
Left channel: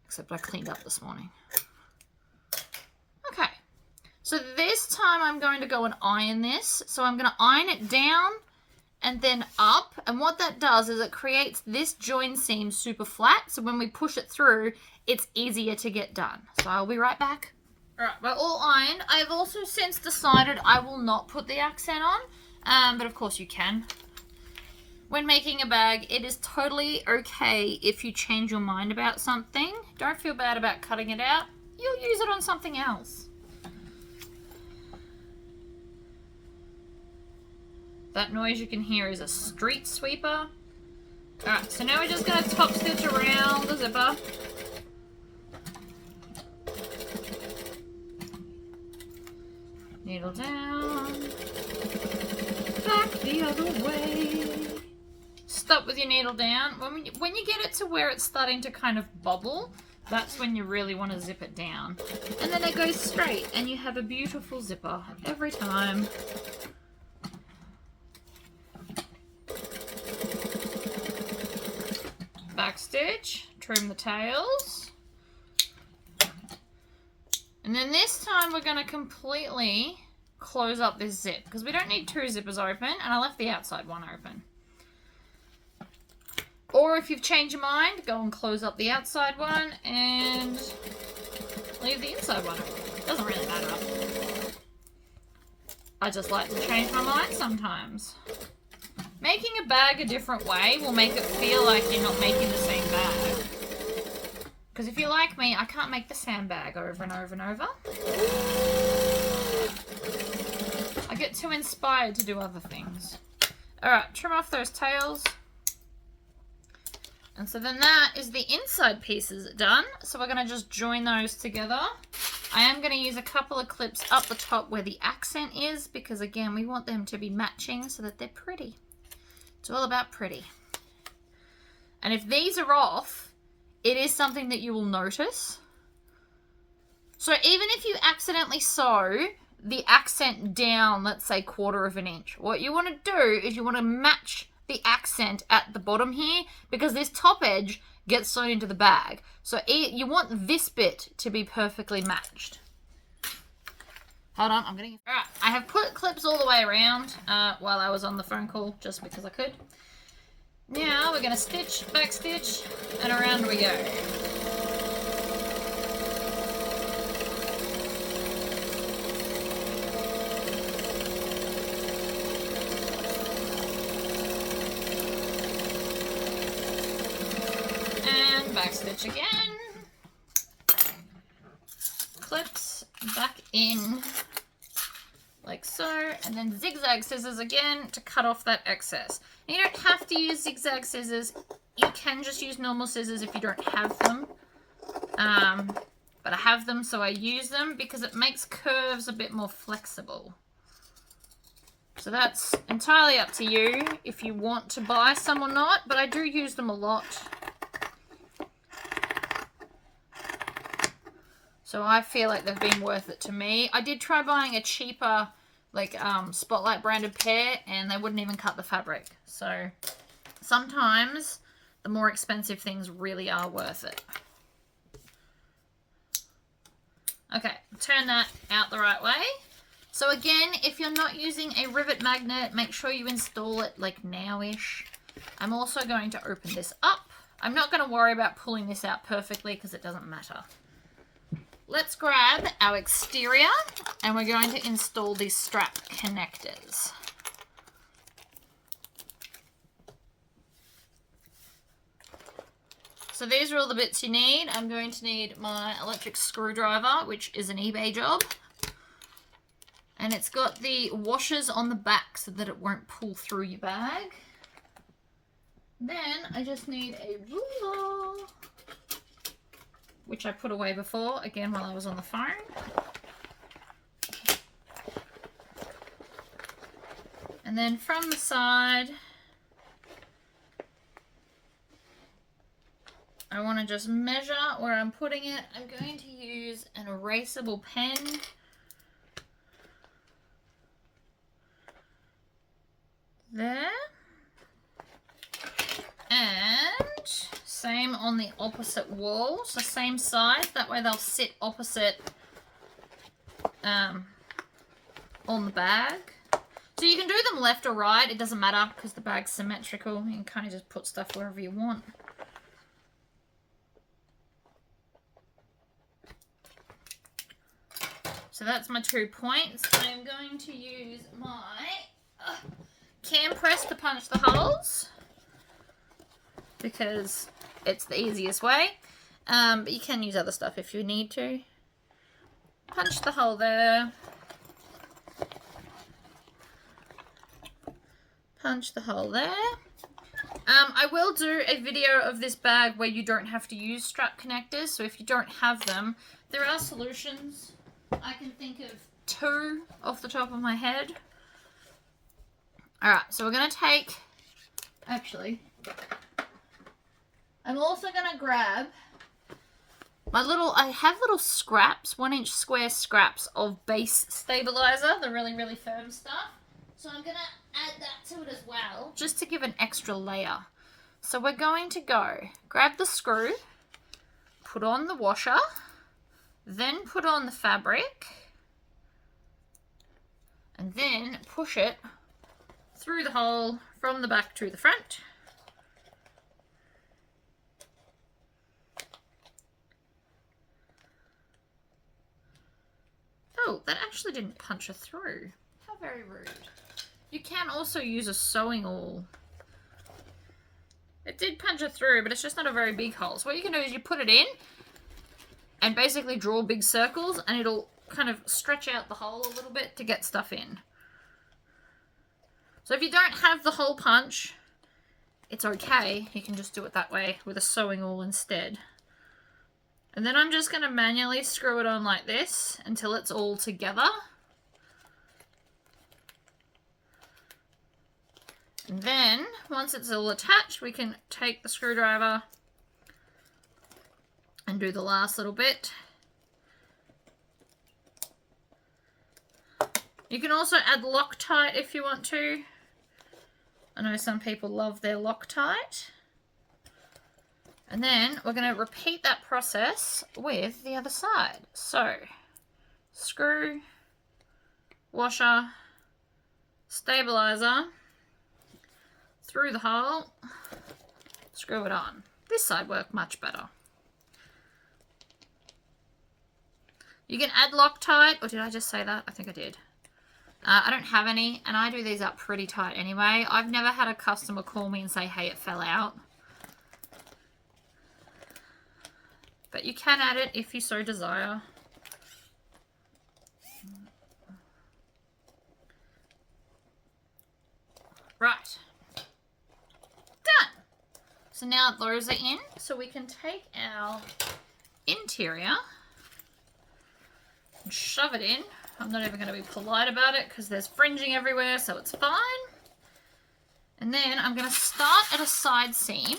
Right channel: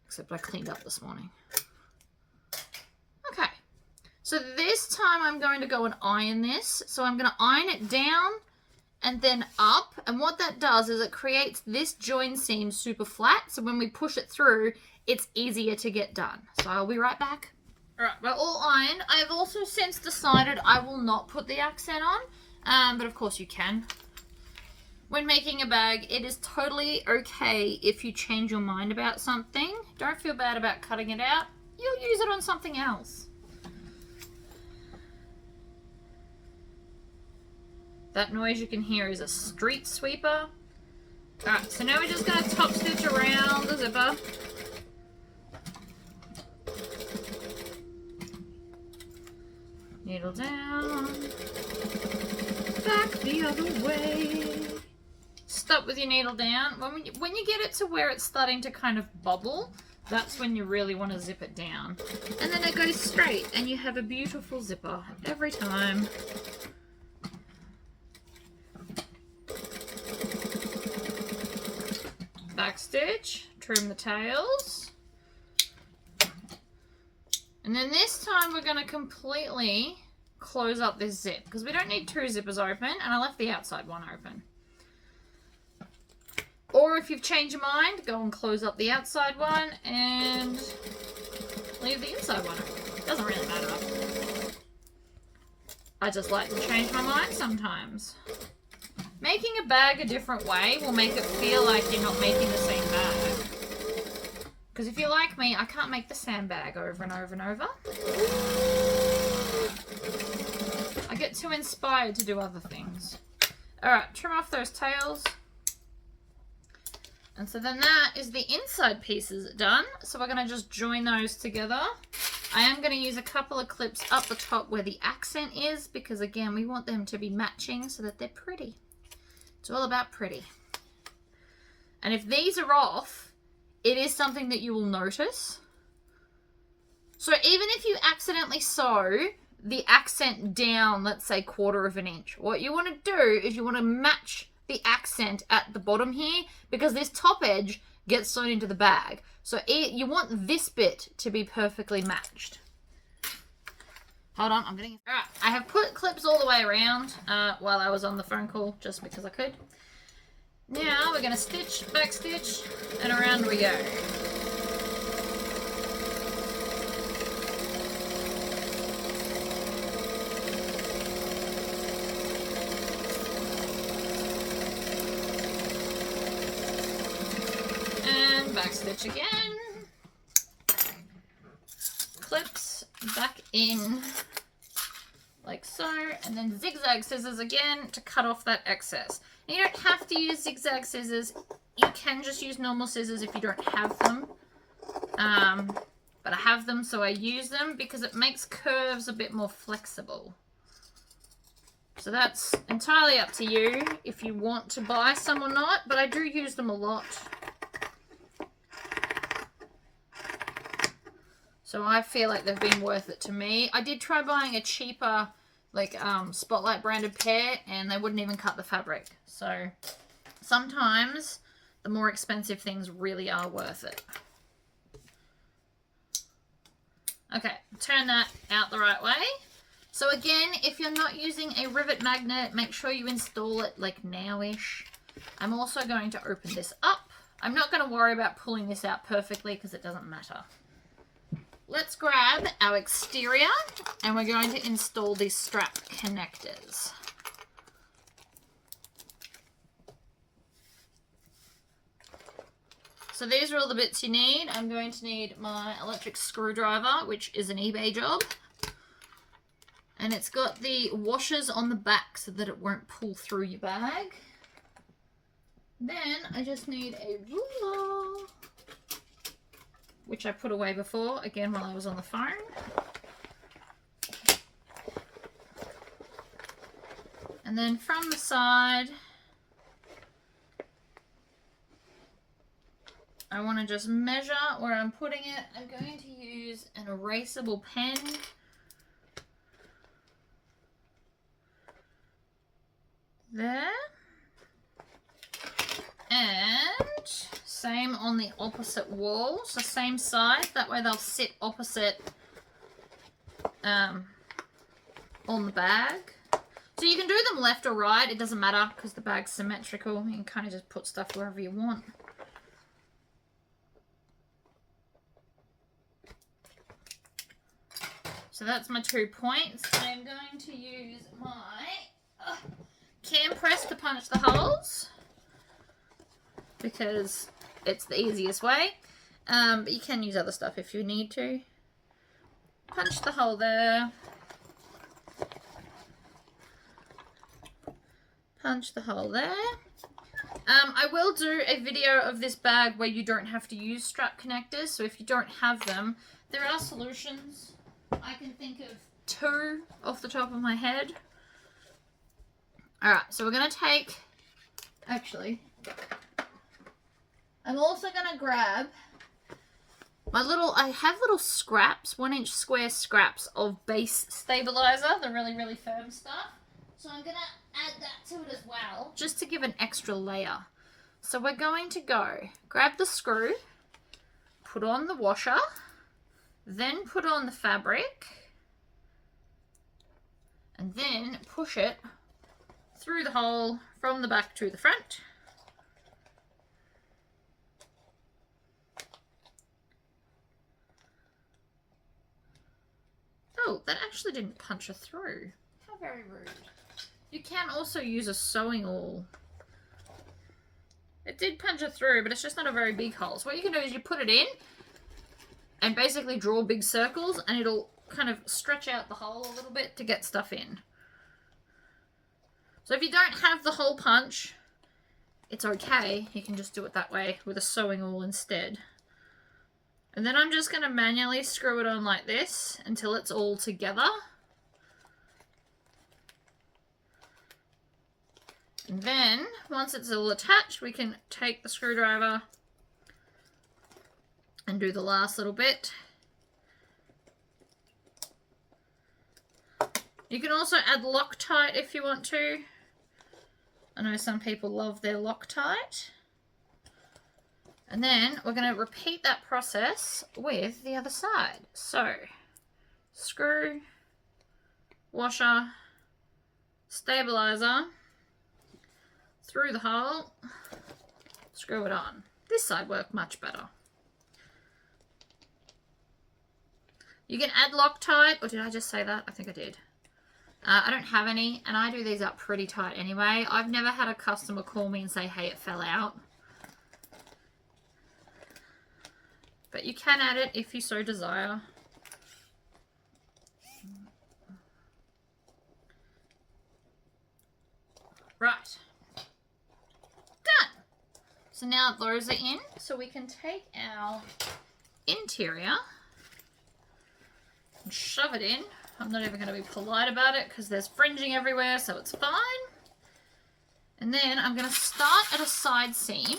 Except I cleaned up this morning. Okay. So this time I'm going to go and iron this. So I'm going to iron it down and then up. And what that does is it creates this join seam super flat. So when we push it through, it's easier to get done. So I'll be right back. All right, we're all ironed. I've also since decided I will not put the accent on. But of course you can. When making a bag, it is totally okay if you change your mind about something. Don't feel bad about cutting it out. You'll use it on something else. That noise you can hear is a street sweeper. Alright, so now we're just going to top stitch around the zipper. Needle down. Back the other way. Stop with your needle down. When you get it to where it's starting to kind of bubble, that's when you really want to zip it down. And then it goes straight and you have a beautiful zipper every time. Back stitch, trim the tails. And then this time we're going to completely close up this zip because we don't need 2 zippers open, and I left the outside one open. Or if you've changed your mind, go and close up the outside one and leave the inside one open. Doesn't really matter. I just like to change my mind sometimes. Making a bag a different way will make it feel like you're not making the same bag. Because if you're like me, I can't make the same bag over and over and over. I get too inspired to do other things. Alright, trim off those tails. And so then that is the inside pieces done. So we're going to just join those together. I am going to use a couple of clips up the top where the accent is, because again, we want them to be matching so that they're pretty. It's all about pretty. And if these are off, it is something that you will notice. So even if you accidentally sew the accent down, let's say 1/4 of an inch, what you want to do is you want to match the accent at the bottom here, because this top edge gets sewn into the bag. So you want this bit to be perfectly matched. Hold on, I'm getting... Alright, I have put clips all the way around while I was on the phone call, just because I could. Now we're going to stitch, back stitch, and around we go. And back stitch again. Clips back in like so, and then zigzag scissors again to cut off that excess. And you don't have to use zigzag scissors. You can just use normal scissors if you don't have them. But I have them, so I use them because it makes curves a bit more flexible. So that's entirely up to you if you want to buy some or not, but I do use them a lot. So I feel like they've been worth it to me. I did try buying a cheaper, like, Spotlight branded pair, and they wouldn't even cut the fabric. So sometimes the more expensive things really are worth it. Okay, turn that out the right way. So again, if you're not using a rivet magnet, make sure you install it like now-ish. I'm also going to open this up. I'm not going to worry about pulling this out perfectly because it doesn't matter. Let's grab our exterior and we're going to install these strap connectors. So these are all the bits you need. I'm going to need my electric screwdriver, which is an eBay job. And it's got the washers on the back so that it won't pull through your bag. Then I just need a ruler, which I put away before, again while I was on the phone. And then from the side, I want to just measure where I'm putting it. I'm going to use an erasable pen. There. And same on the opposite wall, so same side, that way they'll sit opposite on the bag. So you can do them left or right, it doesn't matter because the bag's symmetrical. You can kind of just put stuff wherever you want. So that's my 2 points. I'm going to use my cam press to punch the holes because it's the easiest way. But you can use other stuff if you need to. Punch the hole there. Punch the hole there. I will do a video of this bag where you don't have to use strap connectors. So if you don't have them, there are solutions. I can think of 2 off the top of my head. Alright, so we're going to take... Actually, I'm also going to grab my little... I have little scraps, 1-inch square scraps of base stabilizer, the really, really firm stuff. So I'm going to add that to it as well, just to give an extra layer. So we're going to go grab the screw, put on the washer, then put on the fabric, and then push it through the hole from the back to the front. Oh, that actually didn't punch her through. How very rude. You can also use a sewing awl. It did punch it through, but it's just not a very big hole. So what you can do is you put it in and basically draw big circles, and it'll kind of stretch out the hole a little bit to get stuff in. So if you don't have the hole punch, it's okay. You can just do it that way with a sewing awl instead. And then I'm just going to manually screw it on like this until it's all together. And then, once it's all attached, we can take the screwdriver and do the last little bit. You can also add Loctite if you want to. I know some people love their Loctite. And then we're going to repeat that process with the other side. So, screw, washer, stabilizer, through the hole, screw it on. This side worked much better. You can add Loctite, or did I just say that? I think I did. I don't have any, and I do these up pretty tight anyway. I've never had a customer call me and say, hey, it fell out. But you can add it if you so desire. Right. Done. So now those are in, so we can take our interior and shove it in. I'm not even going to be polite about it because there's fringing everywhere, so it's fine. And then I'm going to start at a side seam,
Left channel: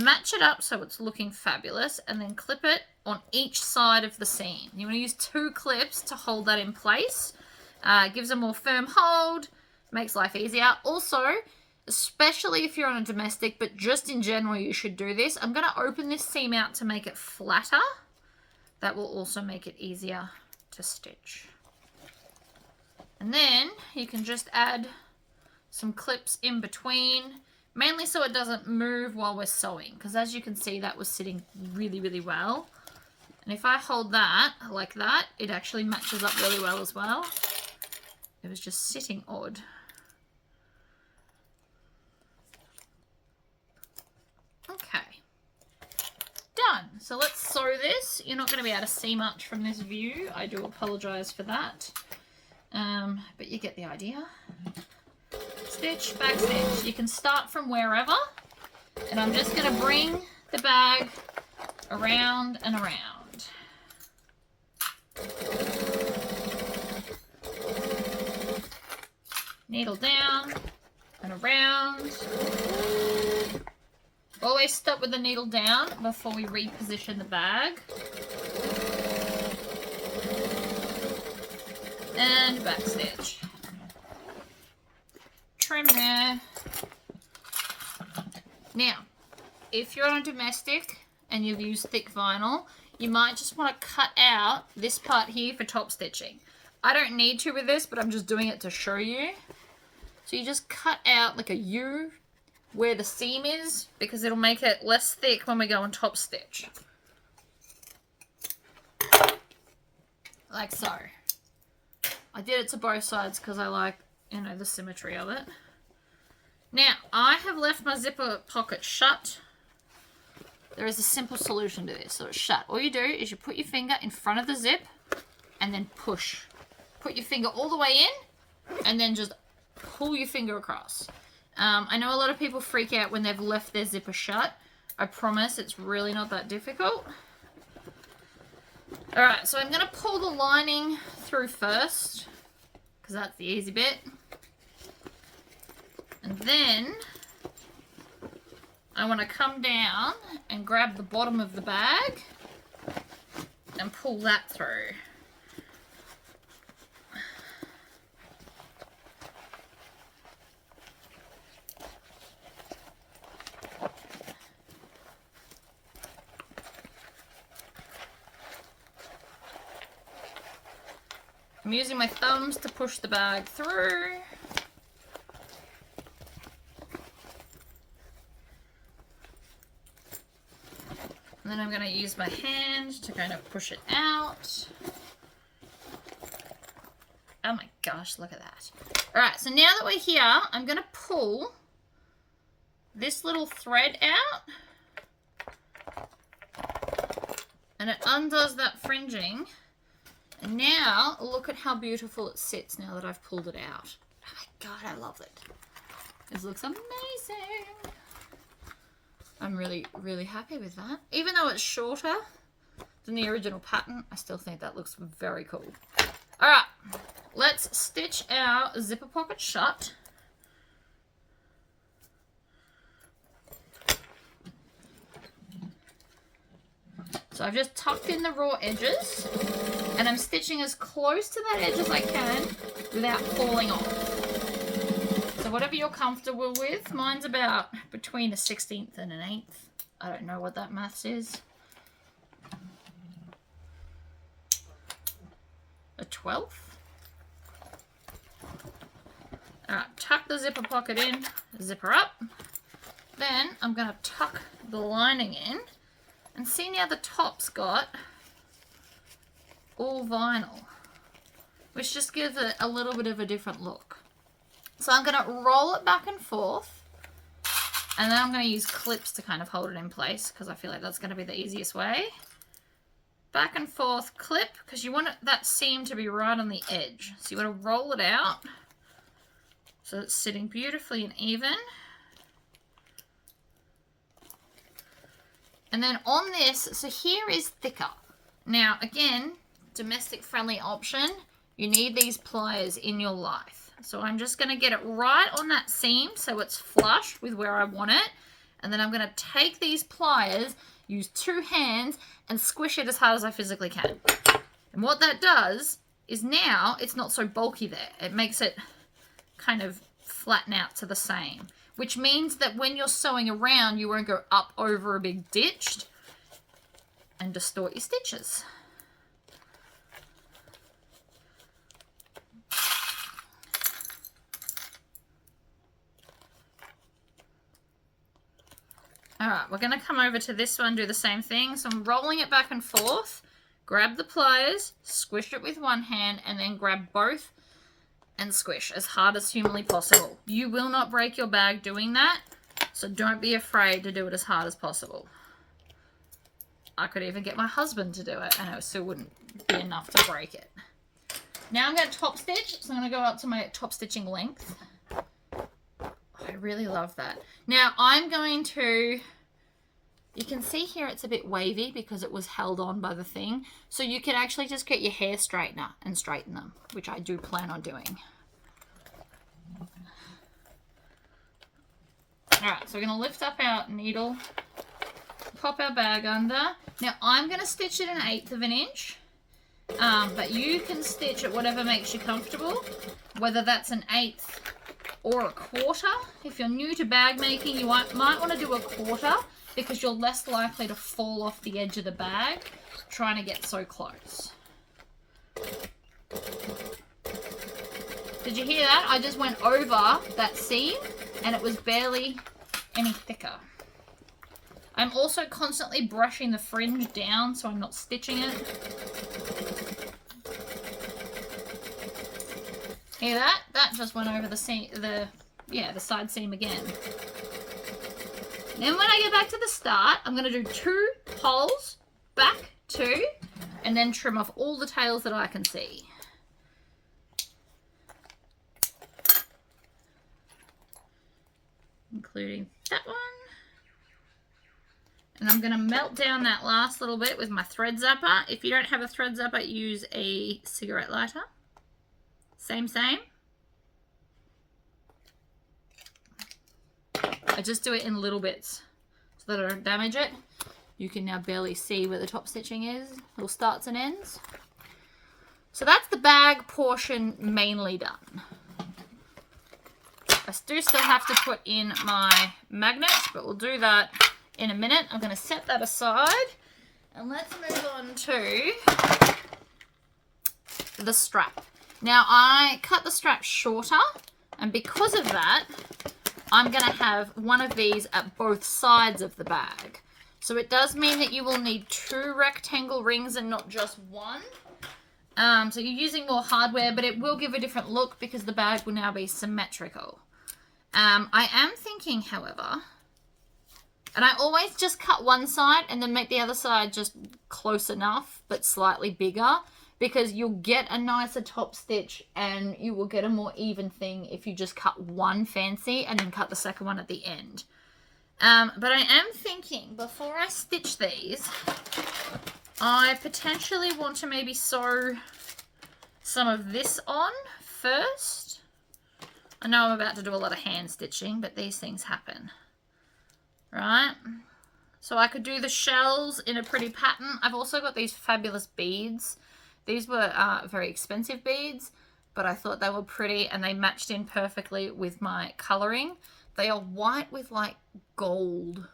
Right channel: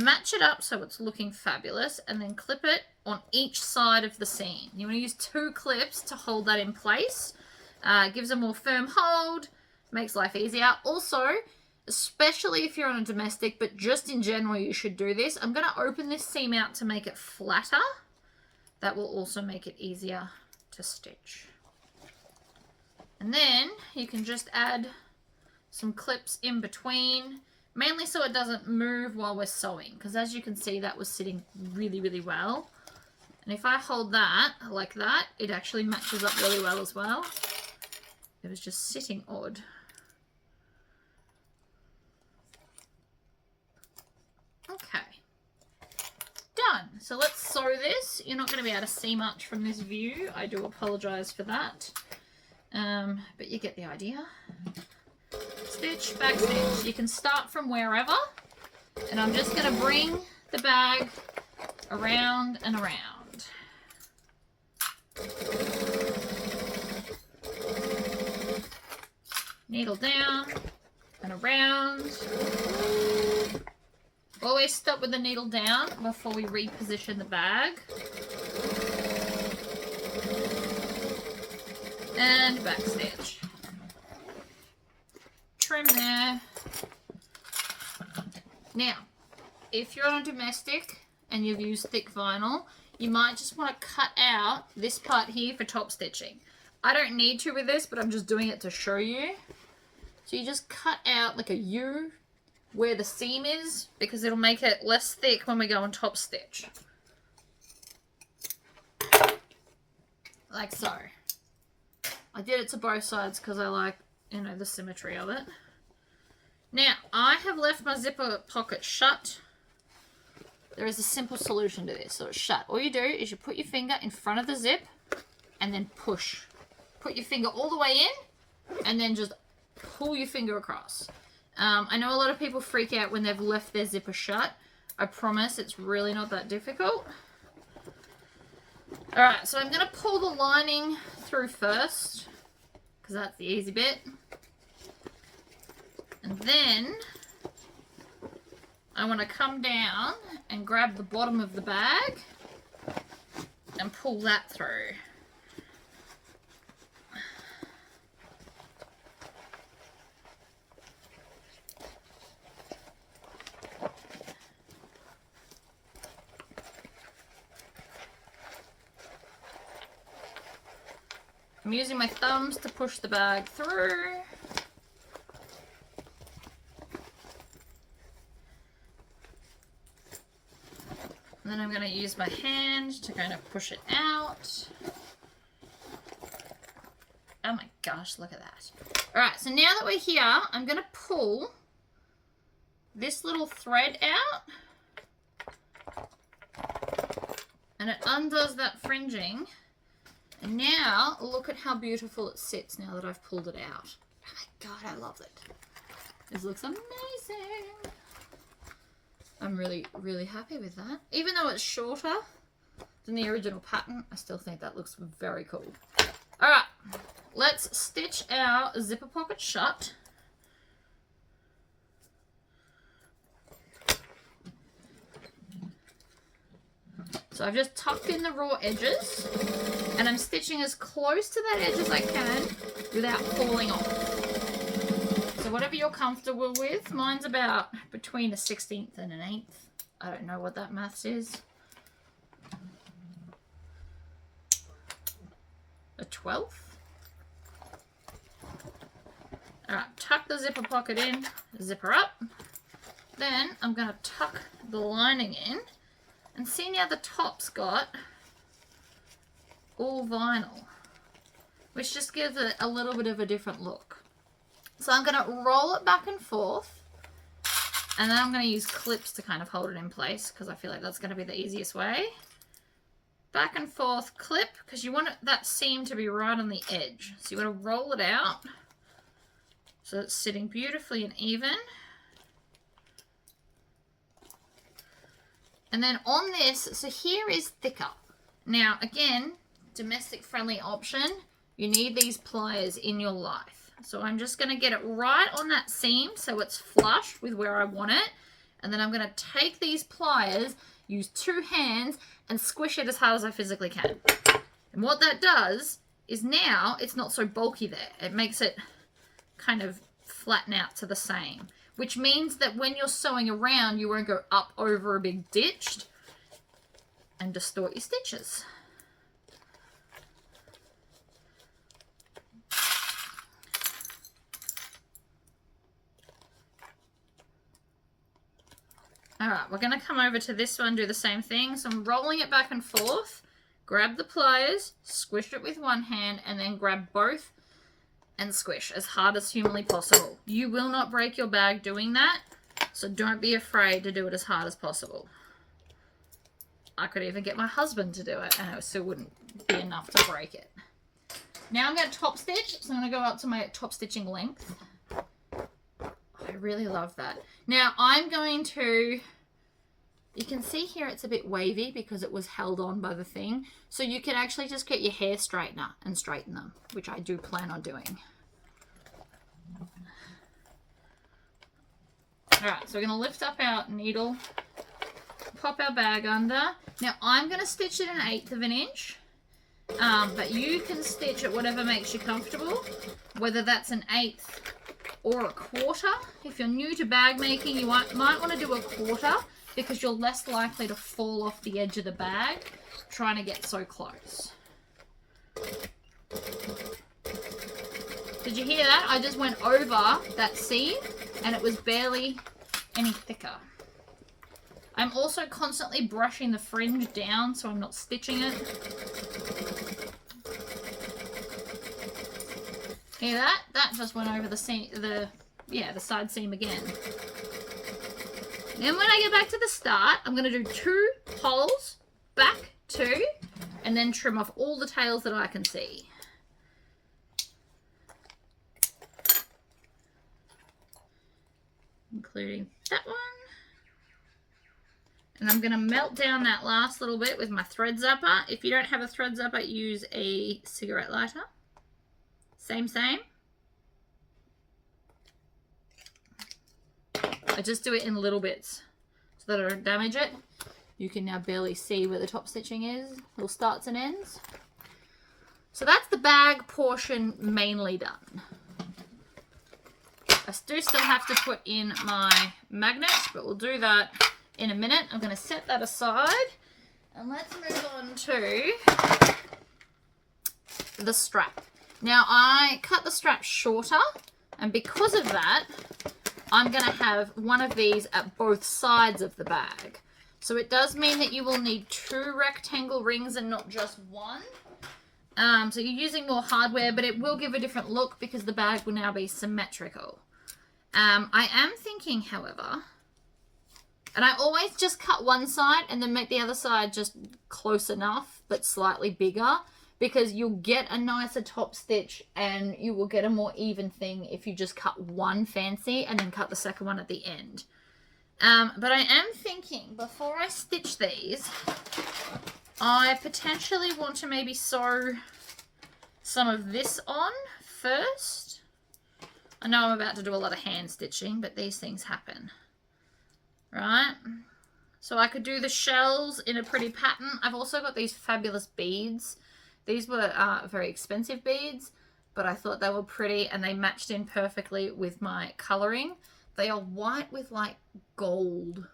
match it up so it's looking fabulous, and then clip it on each side of the seam. You want to use 2 clips to hold that in place. Gives a more firm hold, makes life easier. Also, especially if you're on a domestic, but just in general you should do this. I'm going to open this seam out to make it flatter. That will also make it easier to stitch. And then you can just add some clips in between, mainly so it doesn't move while we're sewing, because as you can see that was sitting really, really well. And if I hold that like that, it actually matches up really well as well. It was just sitting odd. Okay. Done. So let's sew this. You're not going to be able to see much from this view. I do apologise for that. But you get the idea. Stitch, back stitch. You can start from wherever. And I'm just going to bring the bag around and around. Needle down and around. Always stop with the needle down before we reposition the bag. And back stitch. Trim there. Now, if you're on a domestic and you've used thick vinyl, you might just want to cut out this part here for top stitching. I don't need to with this, but I'm just doing it to show you. So you just cut out like a U where the seam is, because it'll make it less thick when we go on top stitch. Like so. I did it to both sides because I like, you know, the symmetry of it. Now, I have left my zipper pocket shut. There is a simple solution to this, so it's shut. All you do is you put your finger in front of the zip and then push. Put your finger all the way in and then just pull your finger across. I know a lot of people freak out when they've left their zipper shut. I promise it's really not that difficult. Alright, so I'm going to pull the lining through first, because that's the easy bit. And then I want to come down and grab the bottom of the bag and pull that through. I'm using my thumbs to push the bag through. And then I'm going to use my hand to kind of push it out. Oh my gosh, look at that. Alright, so now that we're here, I'm going to pull this little thread out. And it undoes that fringing. And now, look at how beautiful it sits now that I've pulled it out. Oh my god, I love it. This looks amazing. I'm really, really happy with that. Even though it's shorter than the original pattern, I still think that looks very cool. Alright, let's stitch our zipper pocket shut. So I've just tucked in the raw edges and I'm stitching as close to that edge as I can without falling off. So whatever you're comfortable with, mine's about between a 16th and an 8th. I don't know what that maths is. A 12th. Alright, tuck the zipper pocket in, zipper up. Then I'm going to tuck the lining in. And see now the top's got all vinyl, which just gives it a little bit of a different look. So I'm going to roll it back and forth, and then I'm going to use clips to kind of hold it in place because I feel like that's going to be the easiest way. Back and forth clip, because you want that seam to be right on the edge. So you want to roll it out so it's sitting beautifully and even. And then on this, so here is thicker. Now, again, domestic friendly option, you need these pliers in your life. So I'm just going to get it right on that seam so it's flush with where I want it. And then I'm going to take these pliers, use 2 hands, and squish it as hard as I physically can. And what that does is now it's not so bulky there. It makes it kind of flatten out to the same, which means that when you're sewing around, you won't go up over a big ditch and distort your stitches. All right, we're going to come over to this one, do the same thing. So I'm rolling it back and forth, grab the pliers, squish it with one hand, and then grab both and squish as hard as humanly possible. You will not break your bag doing that, so don't be afraid to do it as hard as possible. I could even get my husband to do it, and it still wouldn't be enough to break it. Now I'm going to top stitch, so I'm going to go up to my top stitching length. I really love that. Now I'm going to, you can see here it's a bit wavy because it was held on by the thing. So you can actually just get your hair straightener and straighten them, which I do plan on doing. Alright, so we're going to lift up our needle, pop our bag under. Now I'm going to stitch it 1/8 of an inch. But you can stitch it whatever makes you comfortable, whether that's 1/8 or 1/4. If you're new to bag making, you might want to do 1/4 because you're less likely to fall off the edge of the bag trying to get so close. Did you hear that? I just went over that seam and it was barely any thicker. I'm also constantly brushing the fringe down so I'm not stitching it. Hear that? That just went over the seam, the side seam again. Then when I get back to the start, I'm going to do 2 holes, back 2, and then trim off all the tails that I can see. Including that one. And I'm going to melt down that last little bit with my thread zapper. If you don't have a thread zapper, use a cigarette lighter. Same. I just do it in little bits so that I don't damage it. You can now barely see where the top stitching is, little starts and ends. So that's the bag portion mainly done. I do still have to put in my magnet, but we'll do that in a minute. I'm going to set that aside and let's move on to the strap. Now I cut the strap shorter, and because of that, I'm going to have one of these at both sides of the bag. So it does mean that you will need 2 rectangle rings and not just one. So you're using more hardware, but it will give a different look because the bag will now be symmetrical. I am thinking, however, and I always just cut one side and then make the other side just close enough, but slightly bigger, because you'll get a nicer top stitch and you will get a more even thing if you just cut one fancy and then cut the second one at the end. But I am thinking, before I stitch these, I potentially want to maybe sew some of this on first. I know I'm about to do a lot of hand stitching, but these things happen, right? So I could do the shells in a pretty pattern. I've also got these fabulous beads. These were very expensive beads, but I thought they were pretty and they matched in perfectly with my coloring. They are white with like gold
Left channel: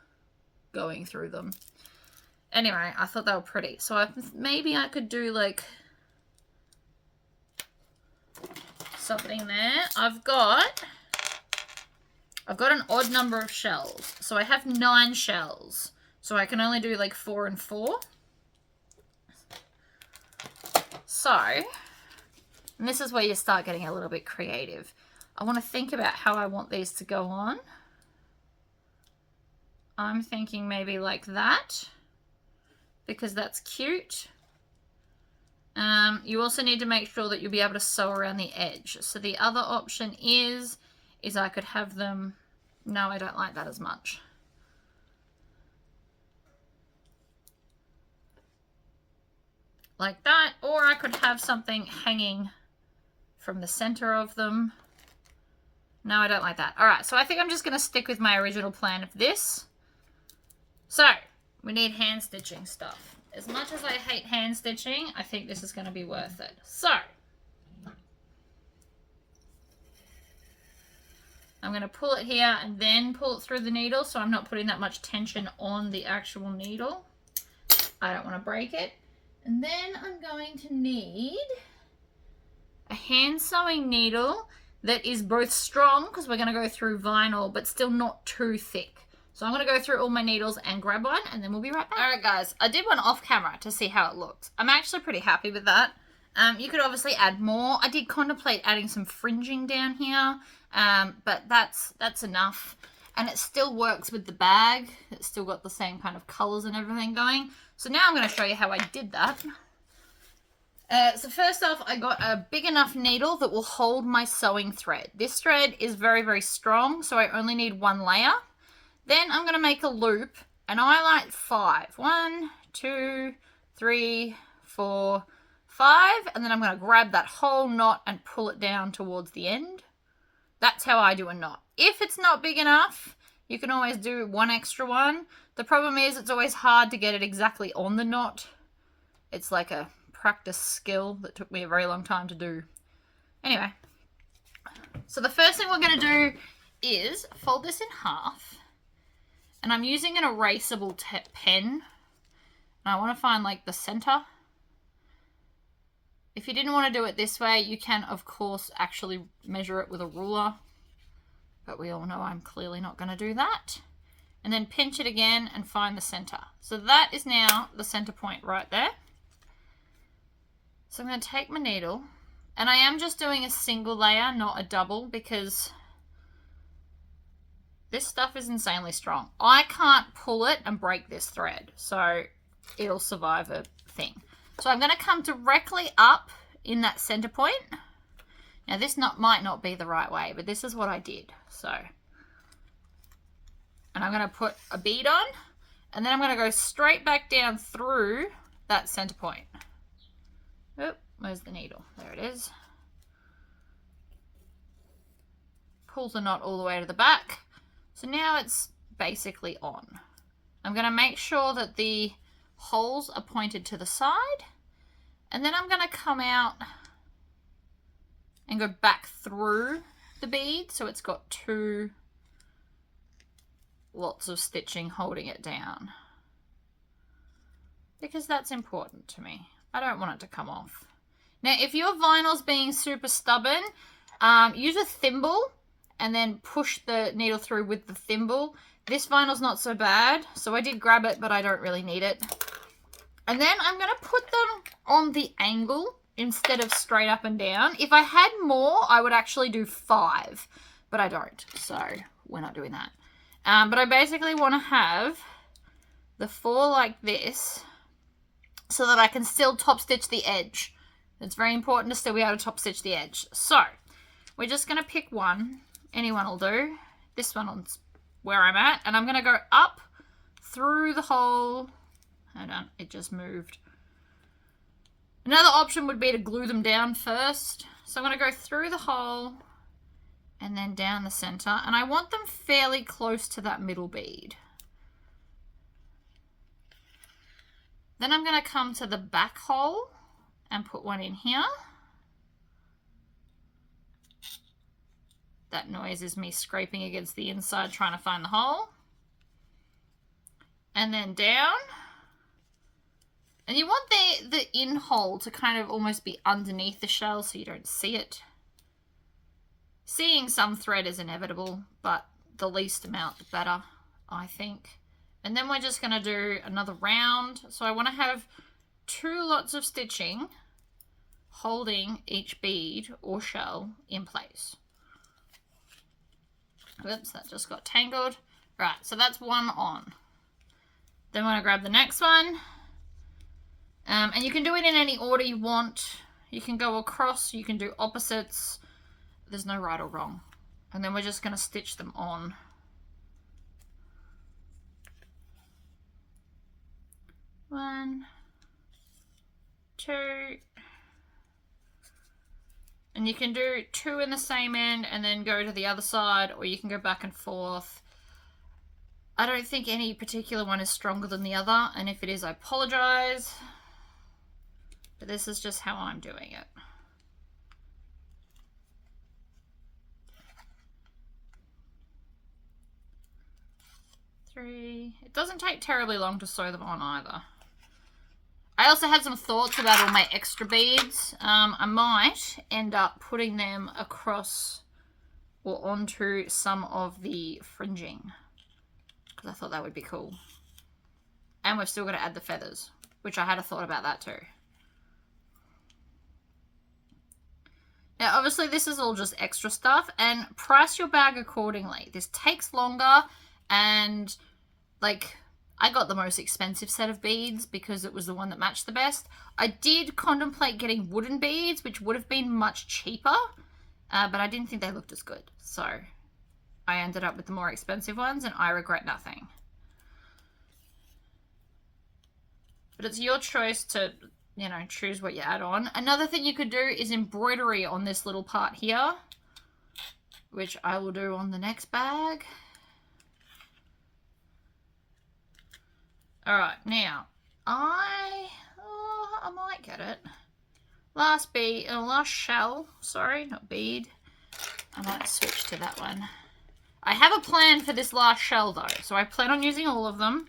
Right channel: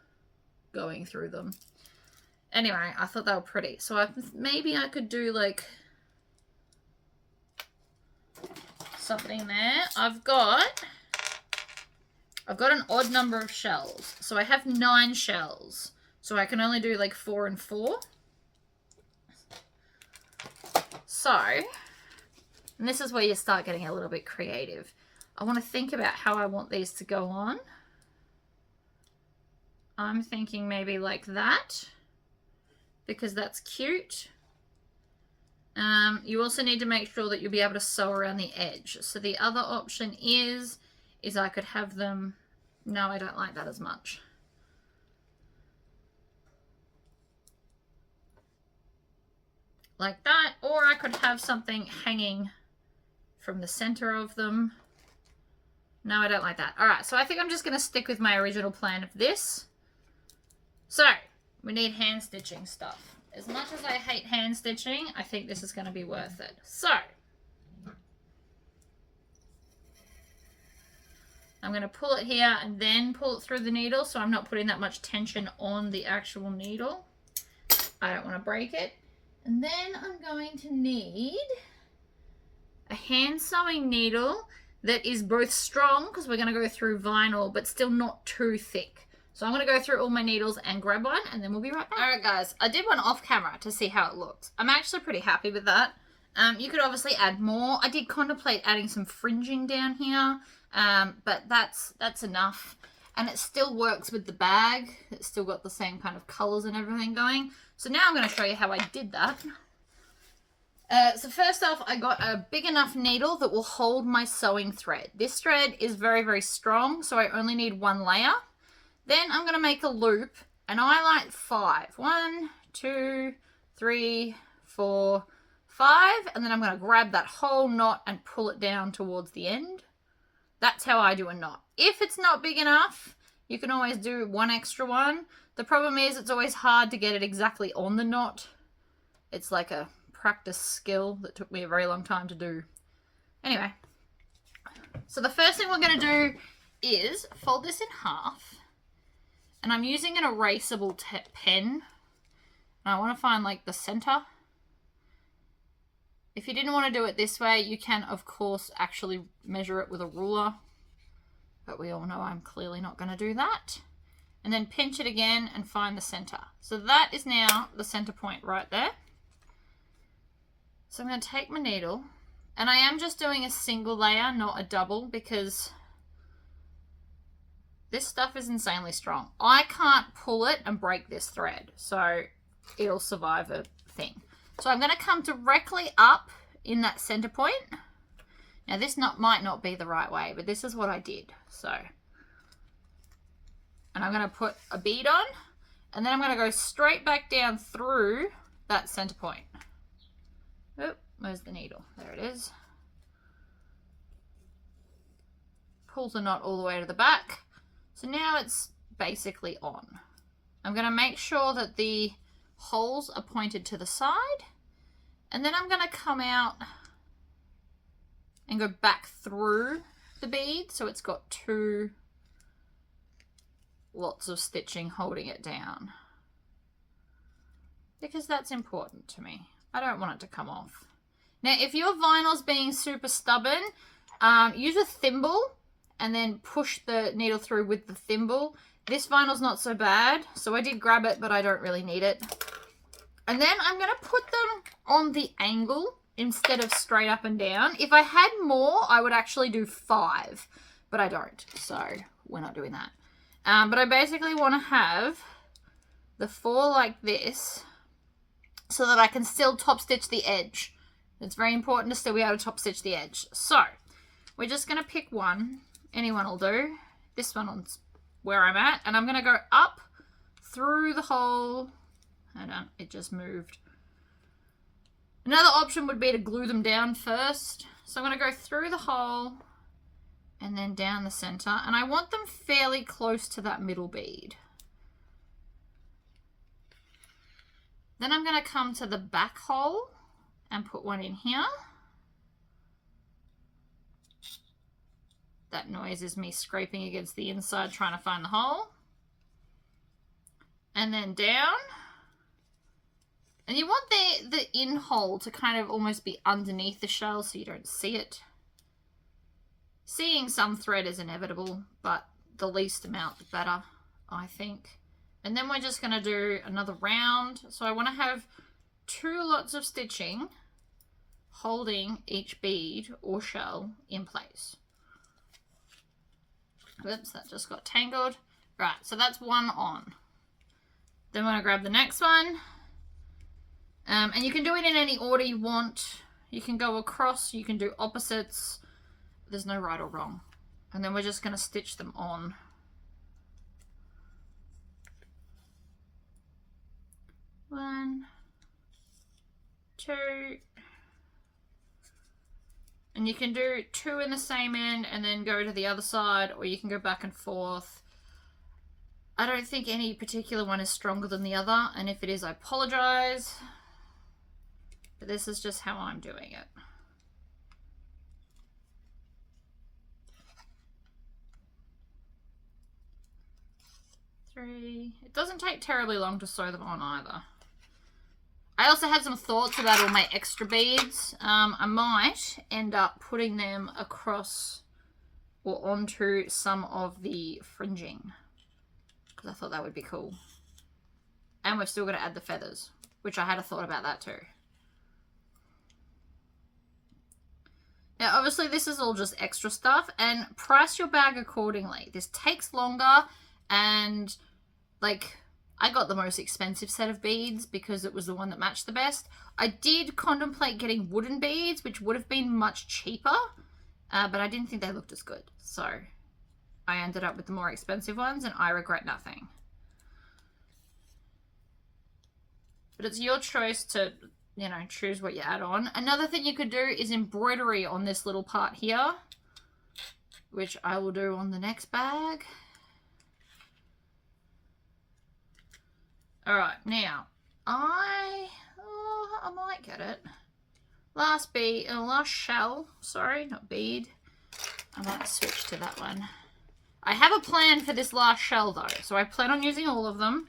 going through them. Anyway, I thought they were pretty. So maybe I could do like something there. I've got an odd number of shells. So I have 9 shells. So I can only do like 4 and 4. So, and this is where you start getting a little bit creative. I want to think about how I want these to go on. I'm thinking maybe like that, because that's cute. You also need to make sure that you'll be able to sew around the edge. So the other option is I could have them, no, I don't like that as much. like that, or I could have something hanging from the center of them. No, I don't like that. All right, so I think I'm just going to stick with my original plan of this. So we need hand stitching stuff. As much as I hate hand stitching, I think this is going to be worth it. So I'm going to pull it here and then pull it through the needle, so I'm not putting that much tension on the actual needle. I don't want to break it. And then I'm going to need a hand sewing needle that is both strong, because we're going to go through vinyl, but still not too thick. So I'm going to go through all my needles and grab one, and then we'll be right back. All right, guys, I did one off camera to see how it looked. I'm actually pretty happy with that. You could obviously add more. I did contemplate adding some fringing down here, but that's enough. And it still works with the bag. It's still got the same kind of colors and everything going. So now I'm going to show you how I did that. So first off, I got a big enough needle that will hold my sewing thread. This thread is very, very strong, so I only need one layer. Then I'm going to make a loop, and I like 5. 1, 2, 3, 4, 5, and then I'm going to grab that whole knot and pull it down towards the end. That's how I do a knot. If it's not big enough, you can always do one extra one. The problem is it's always hard to get it exactly on the knot. It's like a practice skill that took me a very long time to do. Anyway, so the first thing we're going to do is fold this in half, and I'm using an erasable pen, and I want to find like the center. If you didn't want to do it this way, you can of course actually measure it with a ruler, but we all know I'm clearly not going to do that. And then pinch it again and find the center. So that is now the center point right there. So I'm going to take my needle, and I am just doing a single layer, not a double, because this stuff is insanely strong. I can't pull it and break this thread, so it'll survive a thing. So I'm going to come directly up in that center point. Now this might not be the right way, but this is what I did. So, and I'm going to put a bead on, and then I'm going to go straight back down through that center point. Oop, where's the needle? There it is. Pull the knot all the way to the back. So now it's basically on. I'm going to make sure that the holes are pointed to the side, and then I'm going to come out and go back through the bead, so it's got 2 lots of stitching holding it down, because that's important to me. I don't want it to come off. Now, if your vinyl's being super stubborn, use a thimble and then push the needle through with the thimble. This vinyl's not so bad, so I did grab it, but I don't really need it. And then I'm going to put them on the angle instead of straight up and down. If I had more, I would actually do 5, but I don't, so we're not doing that. But I basically want to have the 4 like this, so that I can still top stitch the edge. It's very important to still be able to top stitch the edge. So we're just going to pick one. Anyone will do. This one's where I'm at. And I'm going to go up through the hole. Hold on, it just moved. Another option would be to glue them down first. So I'm going to go through the hole and then down the center. And I want them fairly close to that middle bead. Then I'm going to come to the back hole and put one in here. That noise is me scraping against the inside trying to find the hole. And then down. And you want the in hole to kind of almost be underneath the shell so you don't see it. Seeing some thread is inevitable, but the least amount the better, I think. And then we're just going to do another round. So I want to have 2 lots of stitching holding each bead or shell in place. Whoops, that just got tangled. Right, so that's one on. Then we're going to grab the next one. And you can do it in any order you want. You can go across, you can do opposites. There's no right or wrong. And then we're just going to stitch them on. 1, 2, 2. And you can do 2 in the same end and then go to the other side, or you can go back and forth. I don't think any particular one is stronger than the other, and if it is, I apologize. But this is just how I'm doing it. It doesn't take terribly long to sew them on either. I also had some thoughts about all my extra beads. I might end up putting them across or onto some of the fringing, because I thought that would be cool. And we've still got to add the feathers, which I had a thought about that too. Now, obviously, this is all just extra stuff, and price your bag accordingly. This takes longer, and like, I got the most expensive set of beads because it was the one that matched the best. I did contemplate getting wooden beads, which would have been much cheaper, but I didn't think they looked as good. So I ended up with the more expensive ones, and I regret nothing. But it's your choice to, you know, choose what you add on. Another thing you could do is embroidery on this little part here, which I will do on the next bag. Alright, now, I might get it. Last shell, sorry, not bead. I might switch to that one. I have a plan for this last shell though, so I plan on using all of them.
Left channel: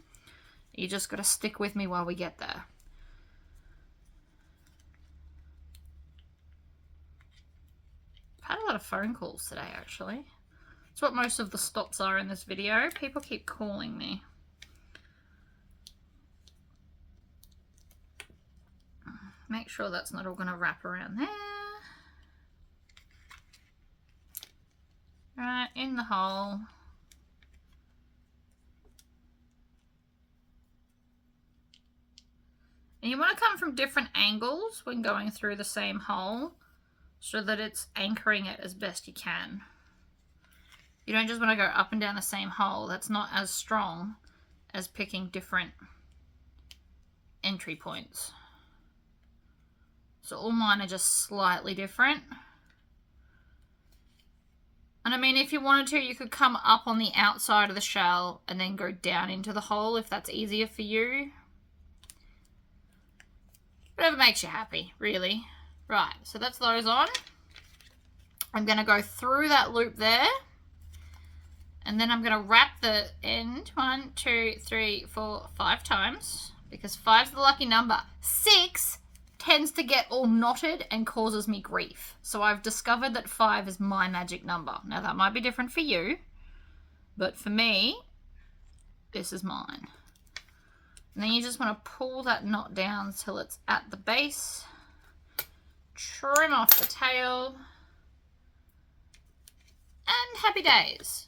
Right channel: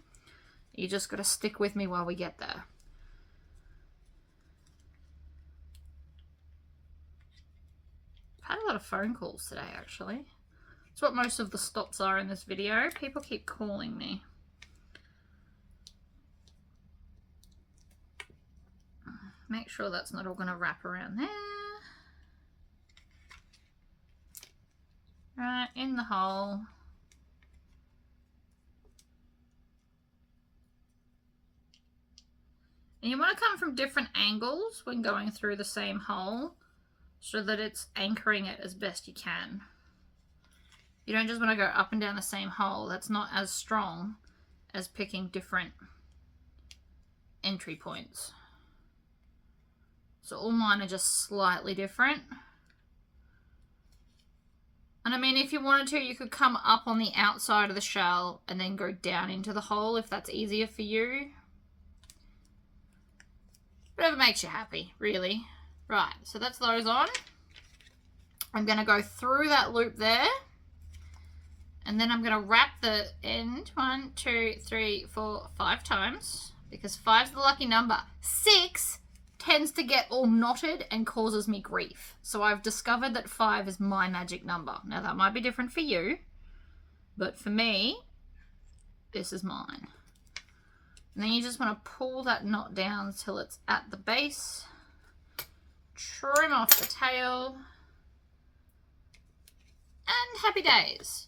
You just got to stick with me while we get there. I've had a lot of phone calls today, actually. It's what most of the stops are in this video. People keep calling me. Make sure that's not all going to wrap around there. Right, in the hole. And you want to come from different angles when going through the same hole so that it's anchoring it as best you can. You don't just want to go up and down the same hole. That's not as strong as picking different entry points. So all mine are just slightly different. And I mean, if you wanted to, you could come up on the outside of the shell and then go down into the hole if that's easier for you. Whatever makes you happy, really. Right, so that's those on. I'm going to go through that loop there. And then I'm going to wrap the end 1, 2, 3, 4, 5 times. Because 5's the lucky number. 6 tends to get all knotted and causes me grief. So I've discovered that 5 is my magic number. Now that might be different for you, but for me, this is mine. And then you just want to pull that knot down till it's at the base. Trim off the tail. And happy days.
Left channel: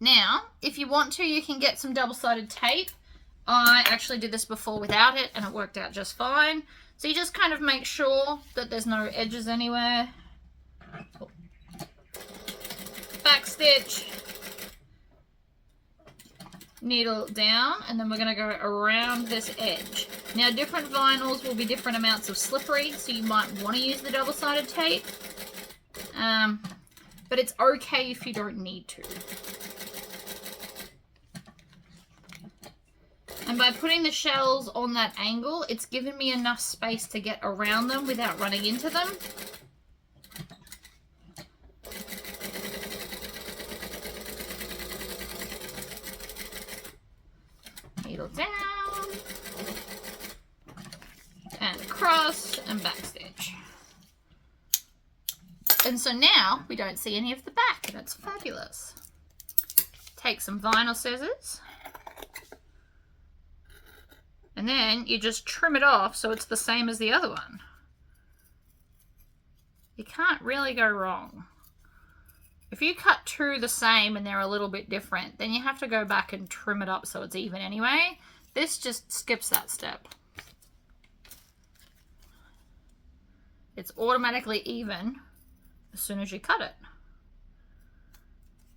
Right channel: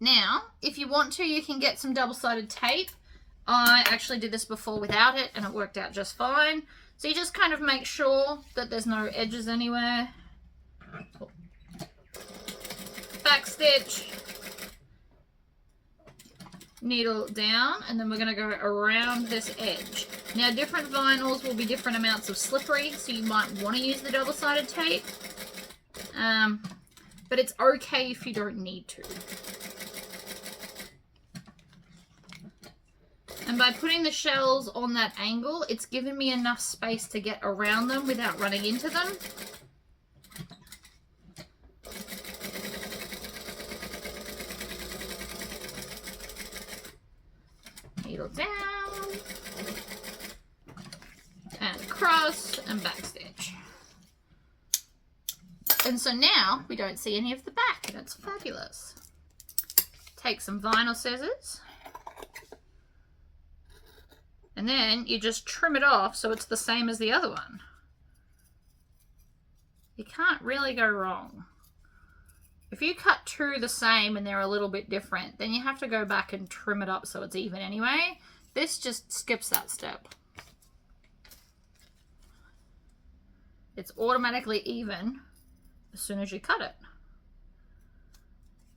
Now, if you want to, you can get some double-sided tape. I actually did this before without it and it worked out just fine. So you just kind of make sure that there's no edges anywhere. Back stitch. Needle down, and then we're going to go around this edge. Now different vinyls will be different amounts of slippery, so you might want to use the double-sided tape. But it's okay if you don't need to. And by putting the shells on that angle, it's given me enough space to get around them without running into them. Needle down, and across, and backstitch. And so now we don't see any of the back, and it's fabulous. Take some vinyl scissors. And then you just trim it off so it's the same as the other one. You can't really go wrong. If you cut 2 the same and they're a little bit different, then you have to go back and trim it up so it's even anyway. This just skips that step. It's automatically even as soon as you cut it.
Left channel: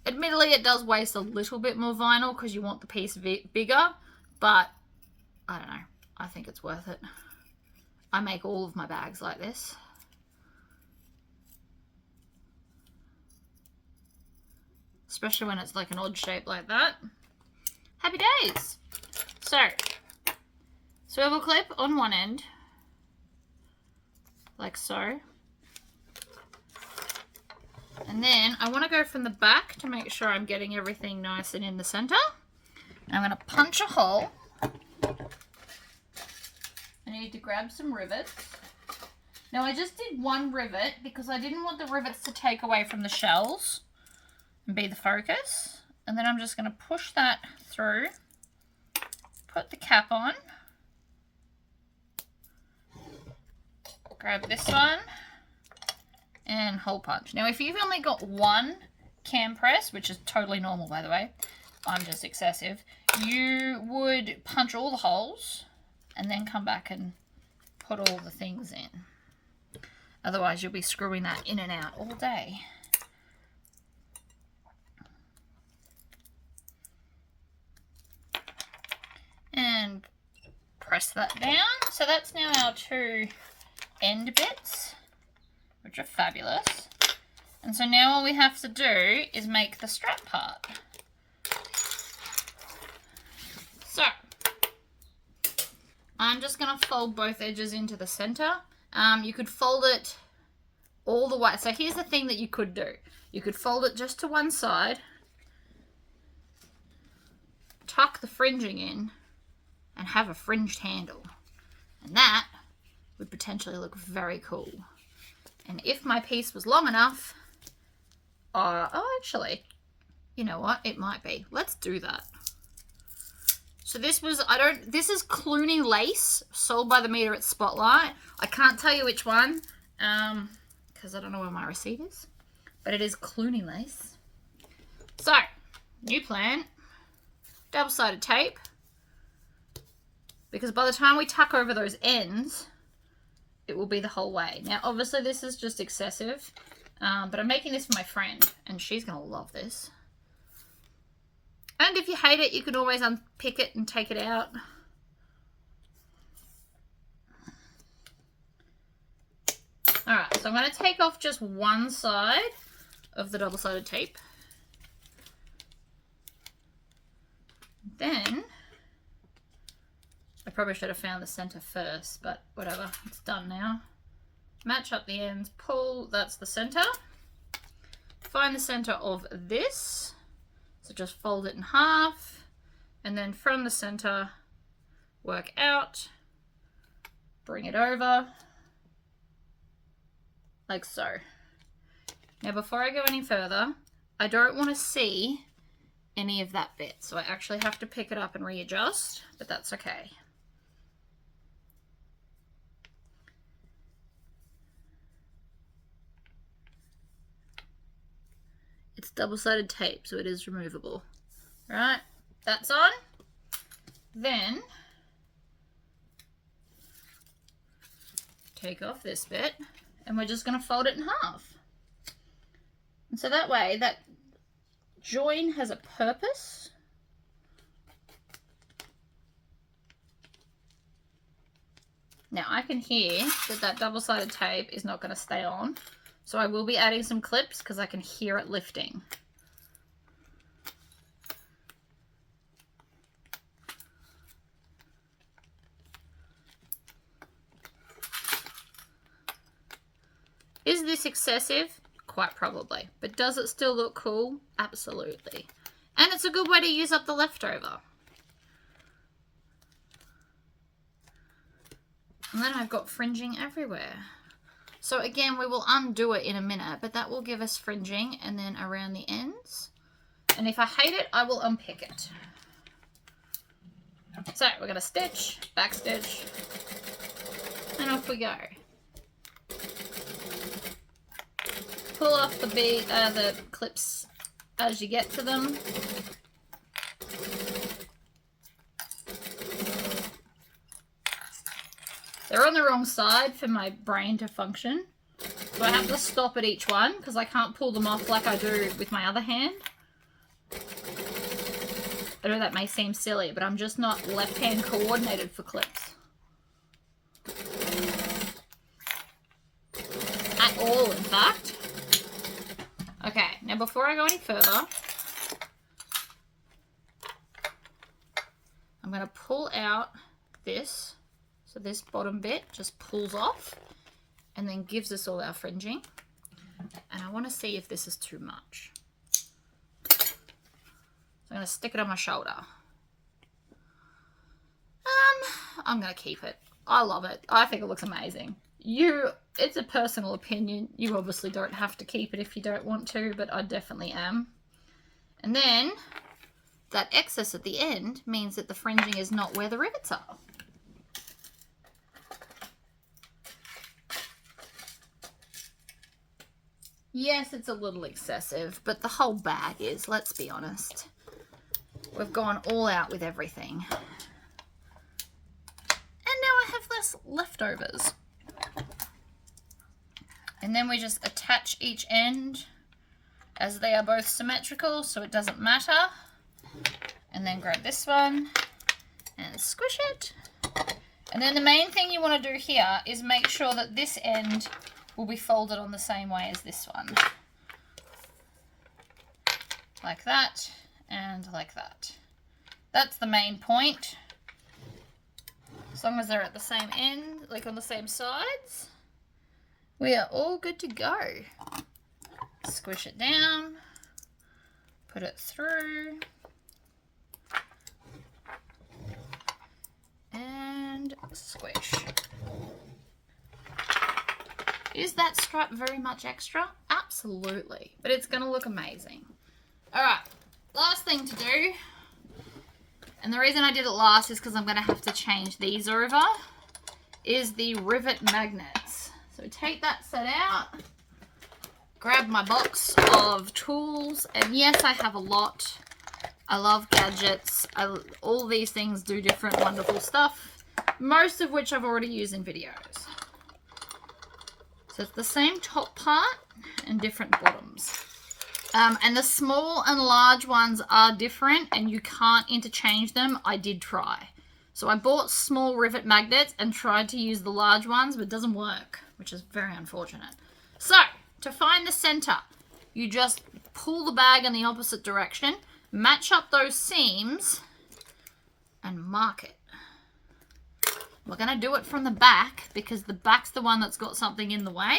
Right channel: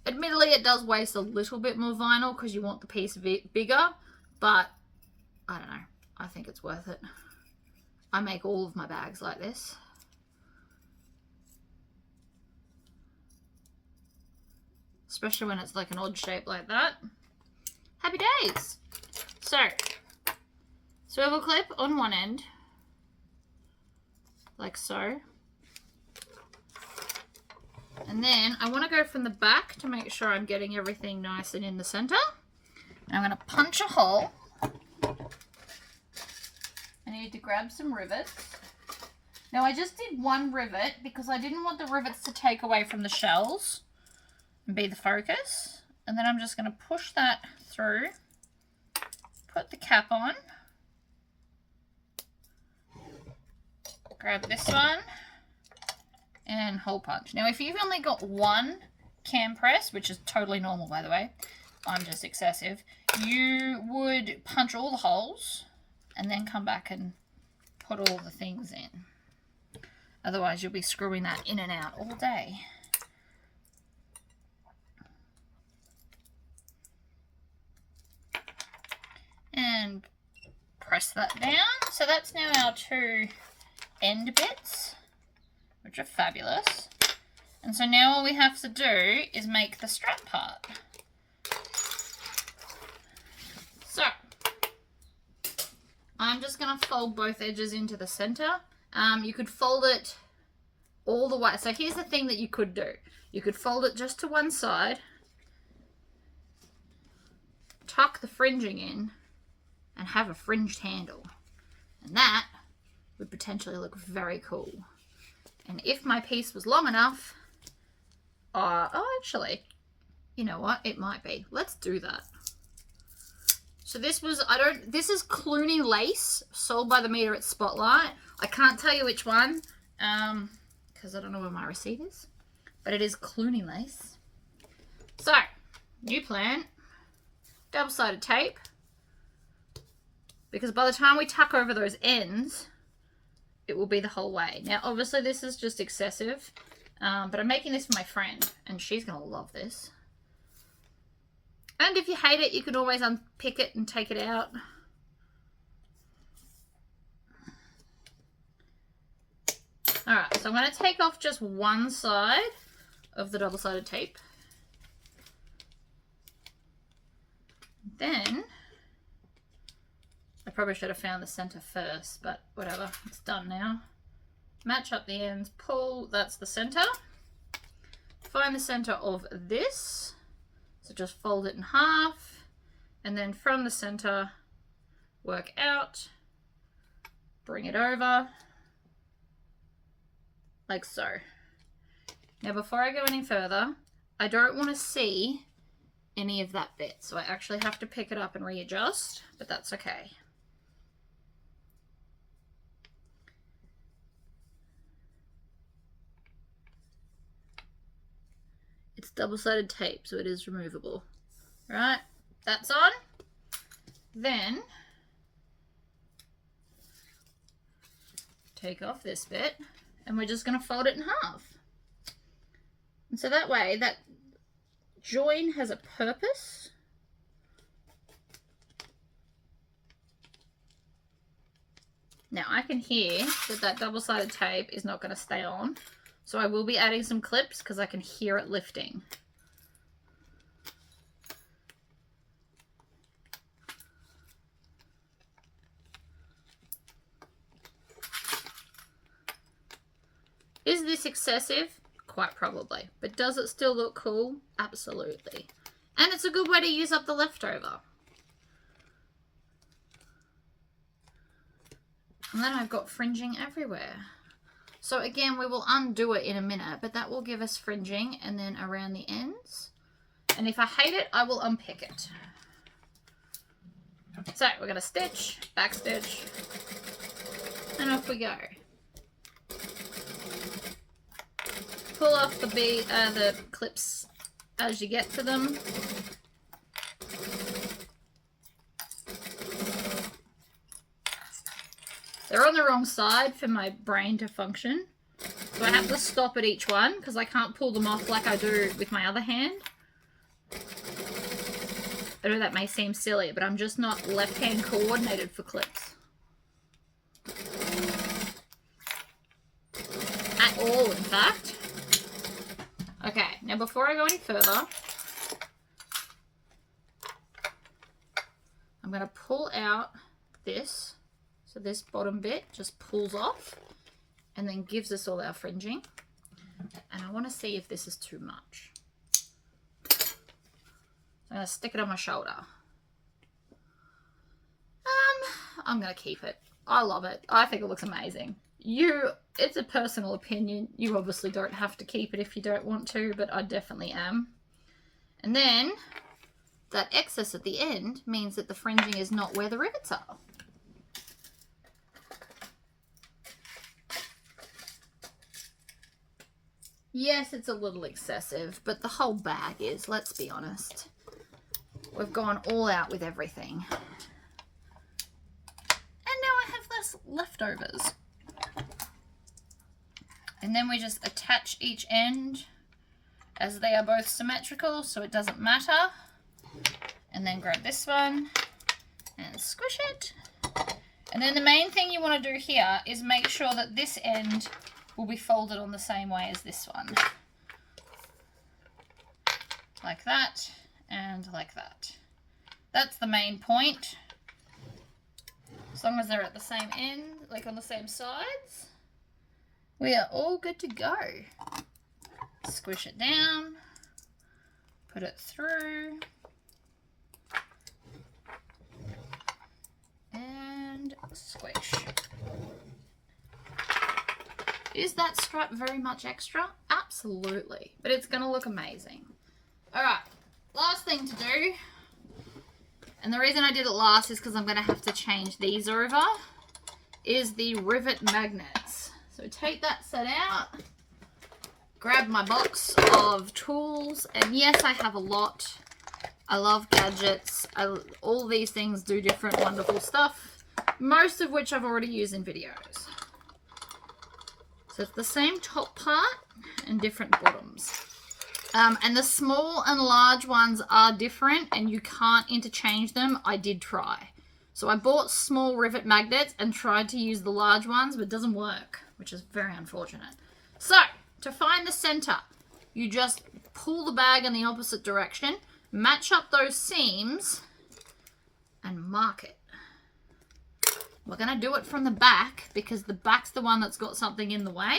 Admittedly, it does waste a little bit more vinyl because you want the piece bigger, but I don't know. I think it's worth it. I make all of my bags like this. Especially when it's like an odd shape like that. Happy days! So, swivel clip on one end, like so. And then I want to go from the back to make sure I'm getting everything nice and in the center. And I'm going to punch a hole. I need to grab some rivets. Now I just did one rivet because I didn't want the rivets to take away from the shells and be the focus. And then I'm just going to push that through, put the cap on, grab this one, and hole punch. Now if you've only got one cam press, which is totally normal by the way, I'm just excessive, you would punch all the holes and then come back and put all the things in. Otherwise you'll be screwing that in and out all day. And press that down. So that's now our two end bits, which are fabulous. And so now all we have to do is make the strap part. So I'm just going to fold both edges into the center. You could fold it all the way. So here's the thing that you could do. You could fold it just to one side, tuck the fringing in, and have a fringed handle. And that would potentially look very cool. And if my piece was long enough, oh, actually, you know what? It might be. Let's do that. So this was, this is Clooney lace, sold by the meter at Spotlight. I can't tell you which one, because I don't know where my receipt is, but it is Clooney lace. So, new plan, double-sided tape, because by the time we tuck over those ends, it will be the whole way. Now, obviously this is just excessive, but I'm making this for my friend, and she's going to love this. And if you hate it, you can always unpick it and take it out. Alright, so I'm going to take off just one side of the double-sided tape. Then, I probably should have found the center first, but whatever, it's done now. Match up the ends, pull, that's the center. Find the center of this. So just fold it in half, and then from the center, work out, bring it over, like so. Now before I go any further, I don't want to see any of that bit, so I actually have to pick it up and readjust, but that's okay. It's double-sided tape, so it is removable. Right, that's on. Then, take off this bit, and we're just going to fold it in half. And so that way, that join has a purpose. Now, I can hear that that double-sided tape is not going to stay on. So I will be adding some clips because I can hear it lifting. Is this excessive? Quite probably. But does it still look cool? Absolutely. And it's a good way to use up the leftover. And then I've got fringing everywhere. So again, we will undo it in a minute, but that will give us fringing and then around the ends. And if I hate it, I will unpick it. So we're going to stitch, back stitch, and off we go. Pull off the clips as you get to them. They're on the wrong side for my brain to function. So I have to stop at each one because I can't pull them off like I do with my other hand. I know that may seem silly, but I'm just not left-hand coordinated for clips. fact. Okay, now before I go any further, I'm going to pull out this. So this bottom bit just pulls off and then gives us all our fringing. And I want to see if this is too much. So I'm going to stick it on my shoulder. I'm going to keep it. I love it. I think it looks amazing. It's a personal opinion. You obviously don't have to keep it if you don't want to, but I definitely am. And then that excess at the end means that the fringing is not where the rivets are. Yes, it's a little excessive, but the whole bag is, let's be honest. We've gone all out with everything. And now I have less leftovers. And then we just attach each end as they are both symmetrical, so it doesn't matter. And then grab this one and squish it. And then the main thing you want to do here is make sure that this end will be folded on the same way as this one. Like that and like that. That's the main point. As long as they're at the same end, like on the same sides, we are all good to go. Squish it down, put it through, and squish. Is that strap very much extra? Absolutely, but it's going to look amazing. All right, last thing to do, and the reason I did it last is because I'm going to have to change these over, is the rivet magnets. So take that set out, grab my box of tools, and yes, I have a lot. I love gadgets. All these things do different wonderful stuff, most of which I've already used in videos. So it's the same top part and different bottoms. And the small and large ones are different and you can't interchange them. I did try. So I bought small rivet magnets and tried to use the large ones, but it doesn't work, which is very unfortunate. So to find the center, you just pull the bag in the opposite direction, match up those seams, and mark it. We're going to do it from the back because the back's the one that's got something in the way,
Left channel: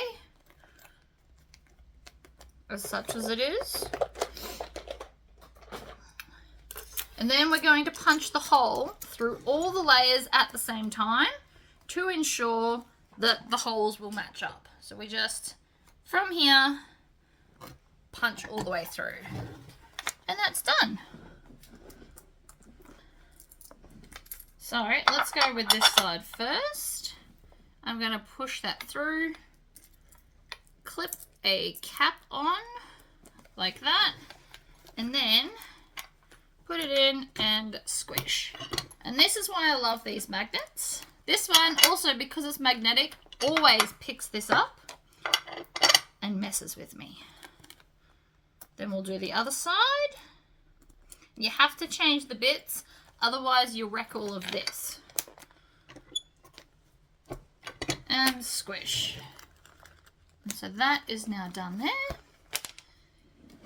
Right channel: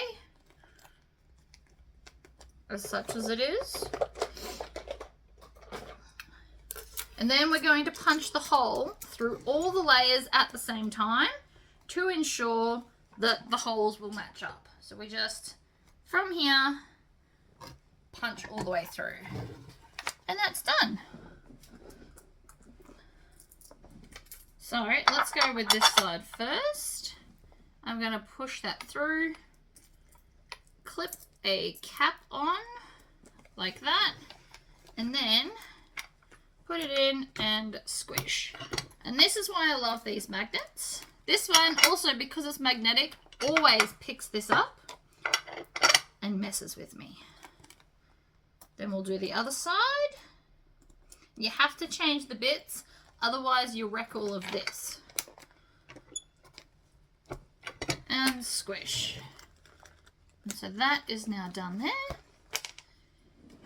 as such as it is. And then we're going to punch the hole through all the layers at the same time to ensure that the holes will match up. So we just, from here, punch all the way through. And that's done. So let's go with this side first. I'm going to push that through, clip a cap on like that, and then put it in and squish. And this is why I love these magnets. This one also, because it's magnetic, always picks this up and messes with me. Then we'll do the other side. You have to change the bits, otherwise you wreck all of this. And squish. And so that is now done there.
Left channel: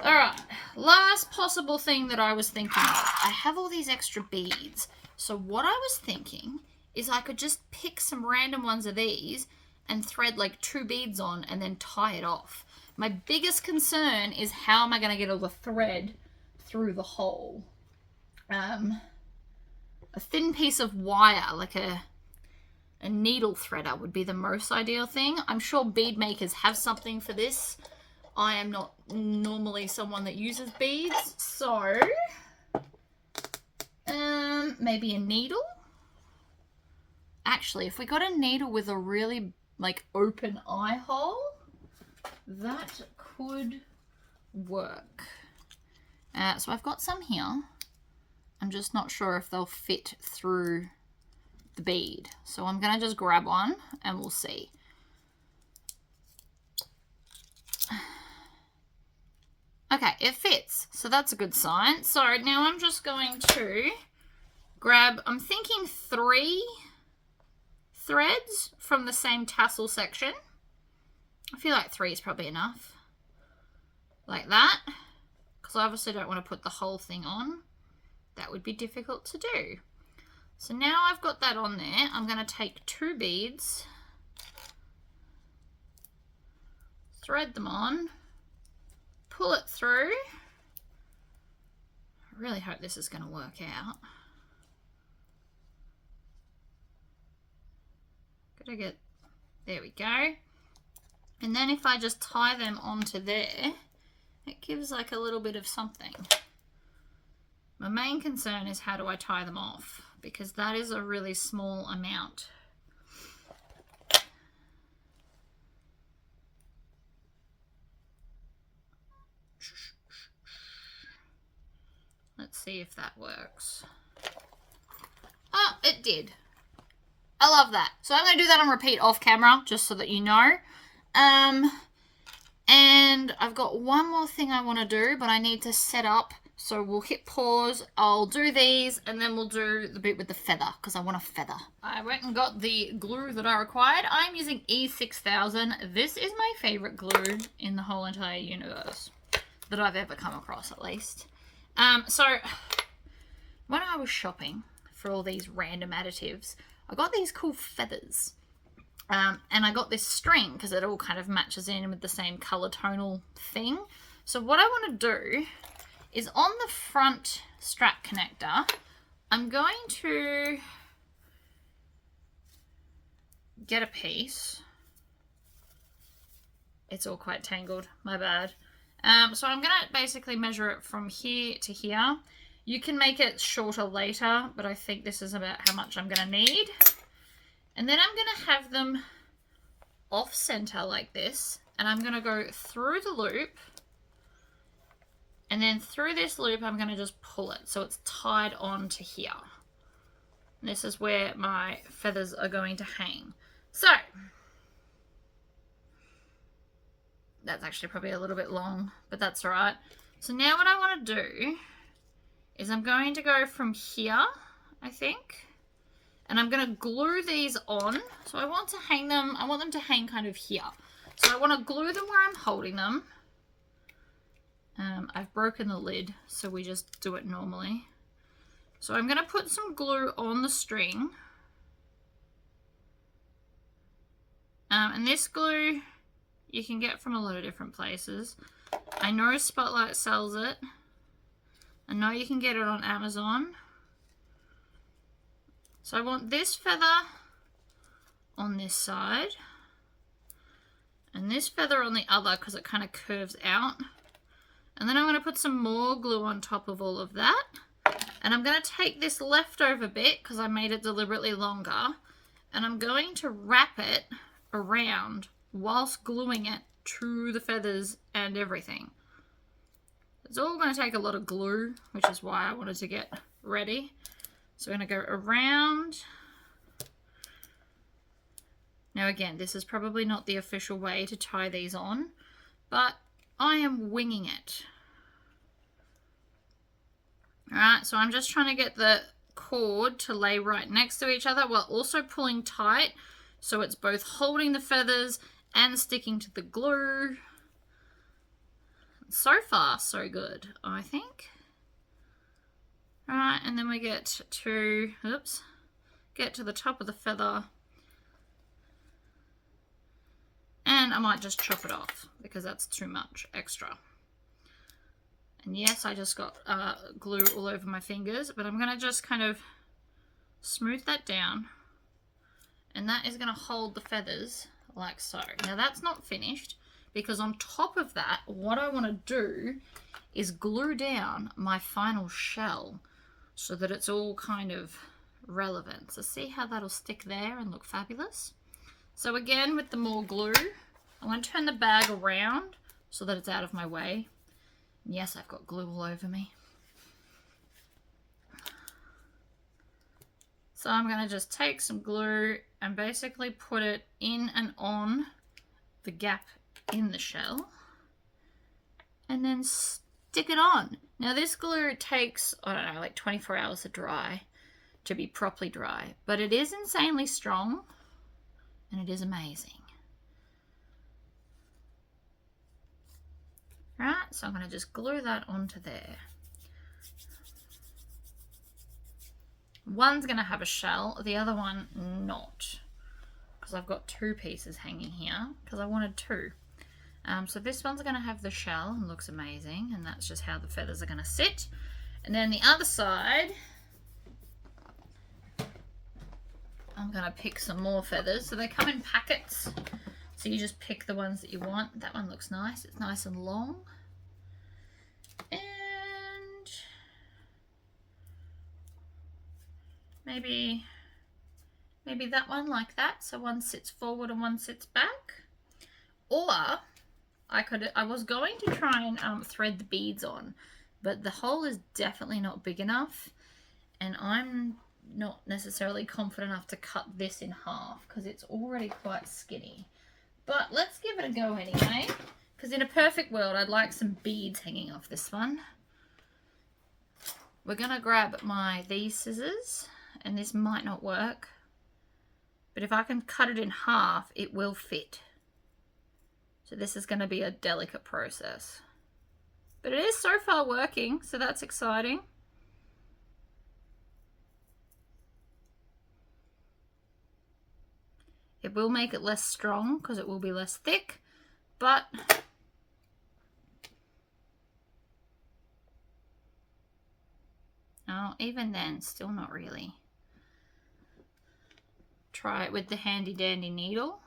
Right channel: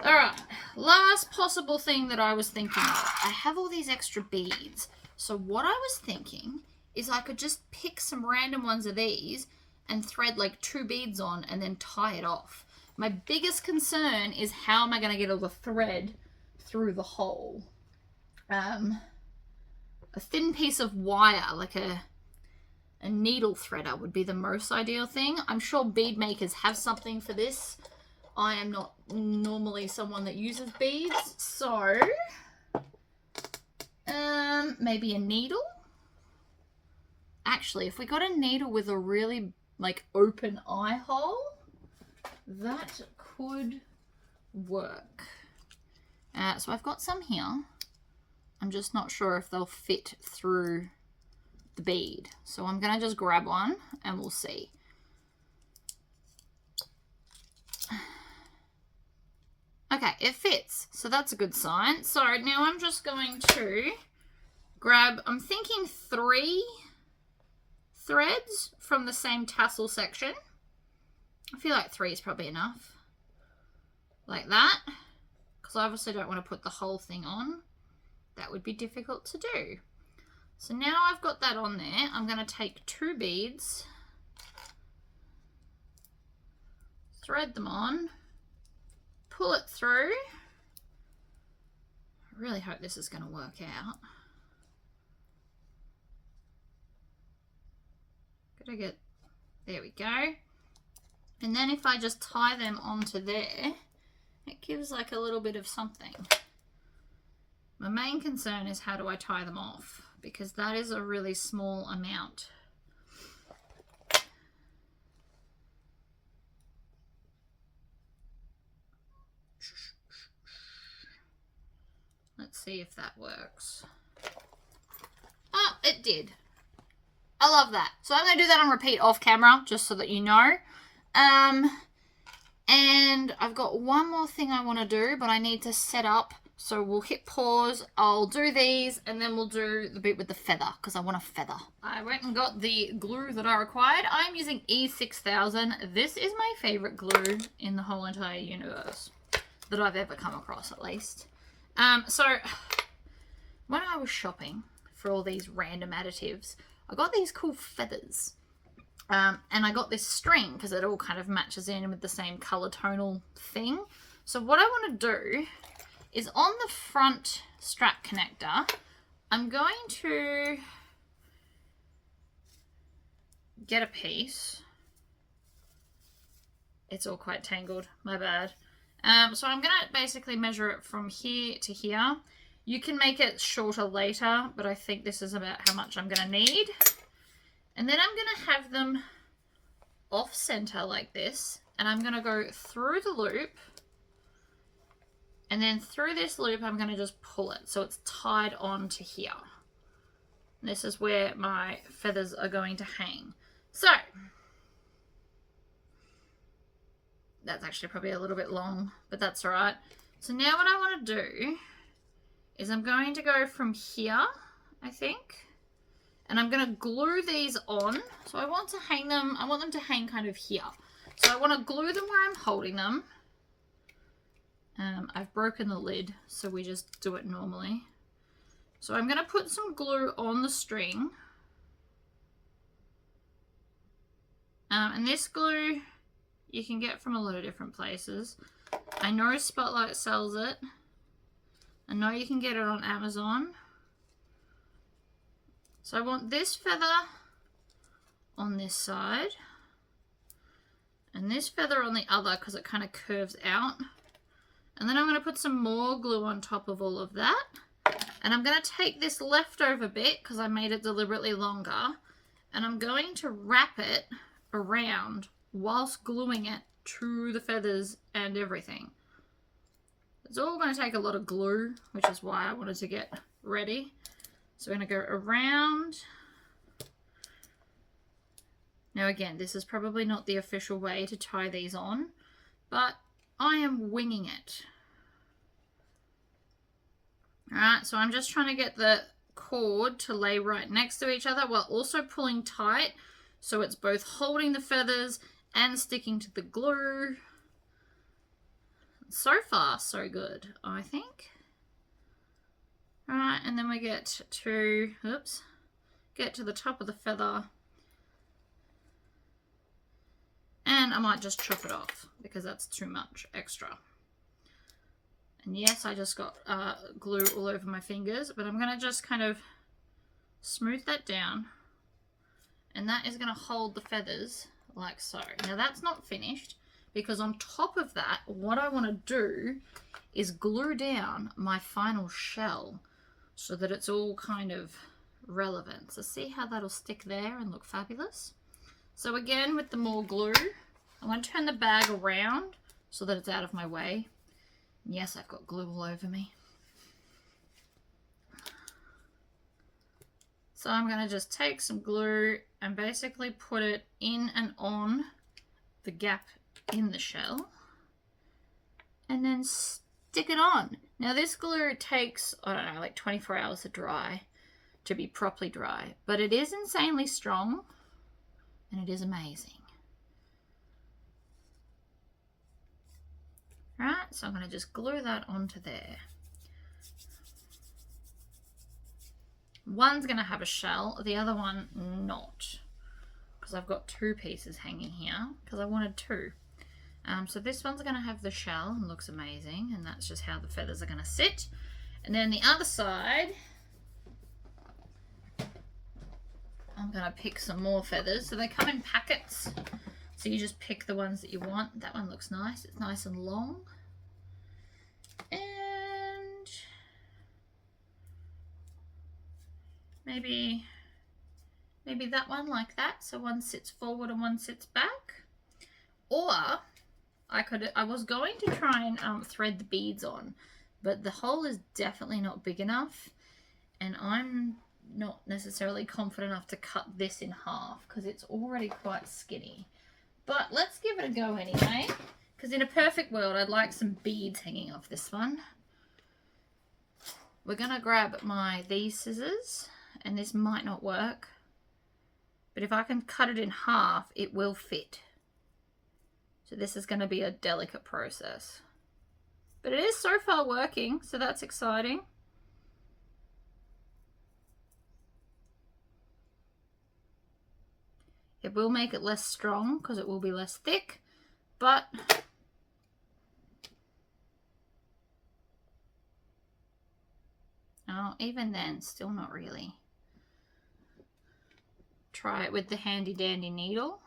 Alright, last possible thing that I was thinking of. I have all these extra beads. So what I was thinking is I could just pick some random ones of these and thread like 2 beads on and then tie it off. My biggest concern is how am I going to get all the thread through the hole. A thin piece of wire, like a needle threader would be the most ideal thing. I'm sure bead makers have something for this. I am not normally someone that uses beads, so maybe a needle. Actually, if we got a needle with a really like open eye hole, that could work. So I've got some here. I'm just not sure if they'll fit through the bead. So I'm going to just grab one and we'll see. Okay, it fits. So that's a good sign. So now I'm just going to grab, I'm thinking 3 threads from the same tassel section. I feel like 3 is probably enough. Like that. Because I obviously don't want to put the whole thing on. That would be difficult to do. So now I've got that on there, I'm going to take 2 beads, thread them on, pull it through. I really hope this is going to work out. Gotta get, there we go. And then if I just tie them onto there, it gives like a little bit of something. My main concern is how do I tie them off, because that is a really small amount. Let's see if that works. Oh, it did. I love that. So I'm going to do that on repeat off camera, just so that you know. And I've got one more thing I want to do, but I need to set up. So we'll hit pause, I'll do these, and then we'll do the bit with the feather, because I want a feather. I went and got the glue that I required. I'm using E6000. This is my favorite glue in the whole entire universe, that I've ever come across, at least. So when I was shopping for all these random additives, I got these cool feathers. And I got this string, because it all kind of matches in with the same color tonal thing. So what I want to do is on the front strap connector, I'm going to get a piece. It's all quite tangled, my bad. So I'm going to basically measure it from here to here. You can make it shorter later, but I think this is about how much I'm going to need. And then I'm going to have them off center like this, and I'm going to go through the loop. And then through this loop, I'm going to just pull it so it's tied on to here. And this is where my feathers are going to hang. So, that's actually probably a little bit long, but that's all right. So now what I want to do is I'm going to go from here, I think, and I'm going to glue these on. So I want to hang them, I want them to hang kind of here. So I want to glue them where I'm holding them. I've broken the lid, so we just do it normally. So I'm going to put some glue on the string. And this glue you can get from a lot of different places. I know Spotlight sells it. I know you can get it on Amazon. So I want this feather on this side. And this feather on the other, because it kind of curves out. And then I'm going to put some more glue on top of all of that. And I'm going to take this leftover bit, because I made it deliberately longer, and I'm going to wrap it around whilst gluing it to the feathers and everything. It's all going to take a lot of glue, which is why I wanted to get ready. So I'm going to go around. Now again, this is probably not the official way to tie these on, but I am winging it. Alright, so I'm just trying to get the cord to lay right next to each other while also pulling tight, so it's both holding the feathers and sticking to the glue. So far, so good, I think. Alright, and then we get to, get to the top of the feather. And I might just chop it off, because that's too much extra. And yes, I just got glue all over my fingers, but I'm going to just kind of smooth that down. And that is going to hold the feathers like so. Now that's not finished, because on top of that, what I want to do is glue down my final shell so that it's all kind of relevant. So see how that'll stick there and look fabulous? So again, with the more glue, I want to turn the bag around so that it's out of my way. And yes, I've got glue all over me. So I'm going to just take some glue and basically put it in and on the gap in the shell. And then stick it on. Now this glue takes, I don't know, like 24 hours to dry, to be properly dry. But it is insanely strong. And it is amazing. Right, so I'm going to just glue that onto there. One's going to have a shell, the other one not, because I've got two pieces hanging here because I wanted two. So this one's going to have the shell and looks amazing, and that's just how the feathers are going to sit. And then the other side, I'm going to pick some more feathers. So they come in packets, so you just pick the ones that you want. That one looks nice. It's nice and long. And maybe that one like that, so one sits forward and one sits back. Or I was going to try and thread the beads on, but the hole is definitely not big enough, and I'm not necessarily confident enough to cut this in half because it's already quite skinny. But let's give it a go anyway, because in a perfect world I'd like some beads hanging off this one. We're gonna grab these scissors, and this might not work, but if I can cut it in half it will fit. So this is going to be a delicate process. But it is so far working, so that's exciting. It will make it less strong because it will be less thick, but oh, even then, still not really. Try it with the handy dandy needle.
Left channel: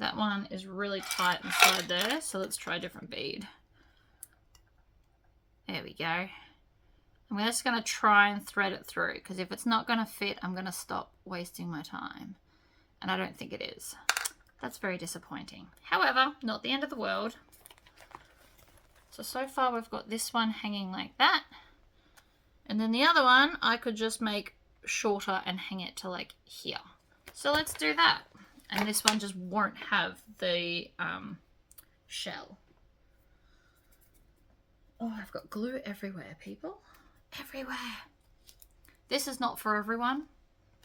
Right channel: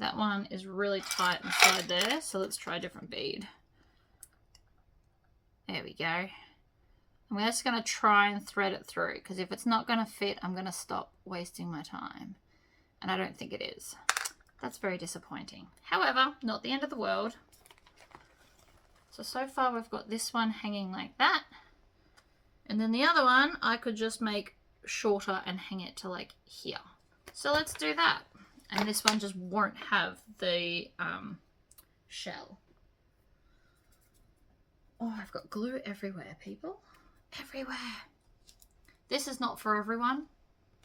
That one is really tight inside there, so let's try a different bead. There we go. I'm just going to try and thread it through, because if it's not going to fit, I'm going to stop wasting my time. And I don't think it is. That's very disappointing. However, not the end of the world. So far we've got this one hanging like that. And then the other one, I could just make shorter and hang it to like here. So let's do that. And this one just won't have the shell. Oh, I've got glue everywhere, people. Everywhere. This is not for everyone.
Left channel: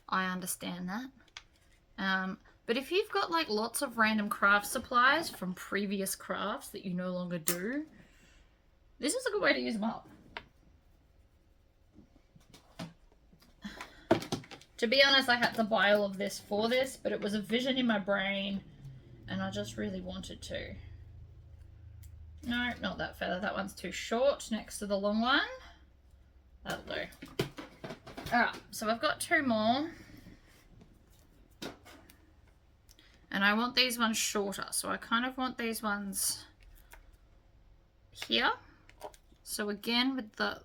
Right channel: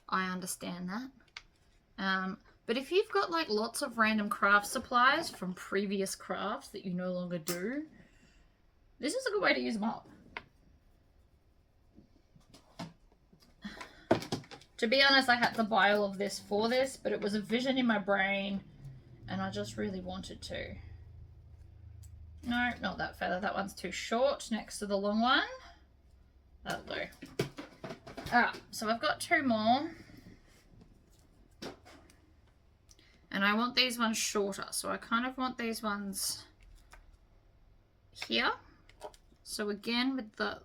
I understand that. But if you've got like lots of random craft supplies from previous crafts that you no longer do, this is a good way to use them up. To be honest, I had to buy all of this for this, but it was a vision in my brain, and I just really wanted to. No, not that feather. That one's too short next to the long one. That'll do. Alright, so I've got two more. And I want these ones shorter, so I kind of want these ones here. So again, with the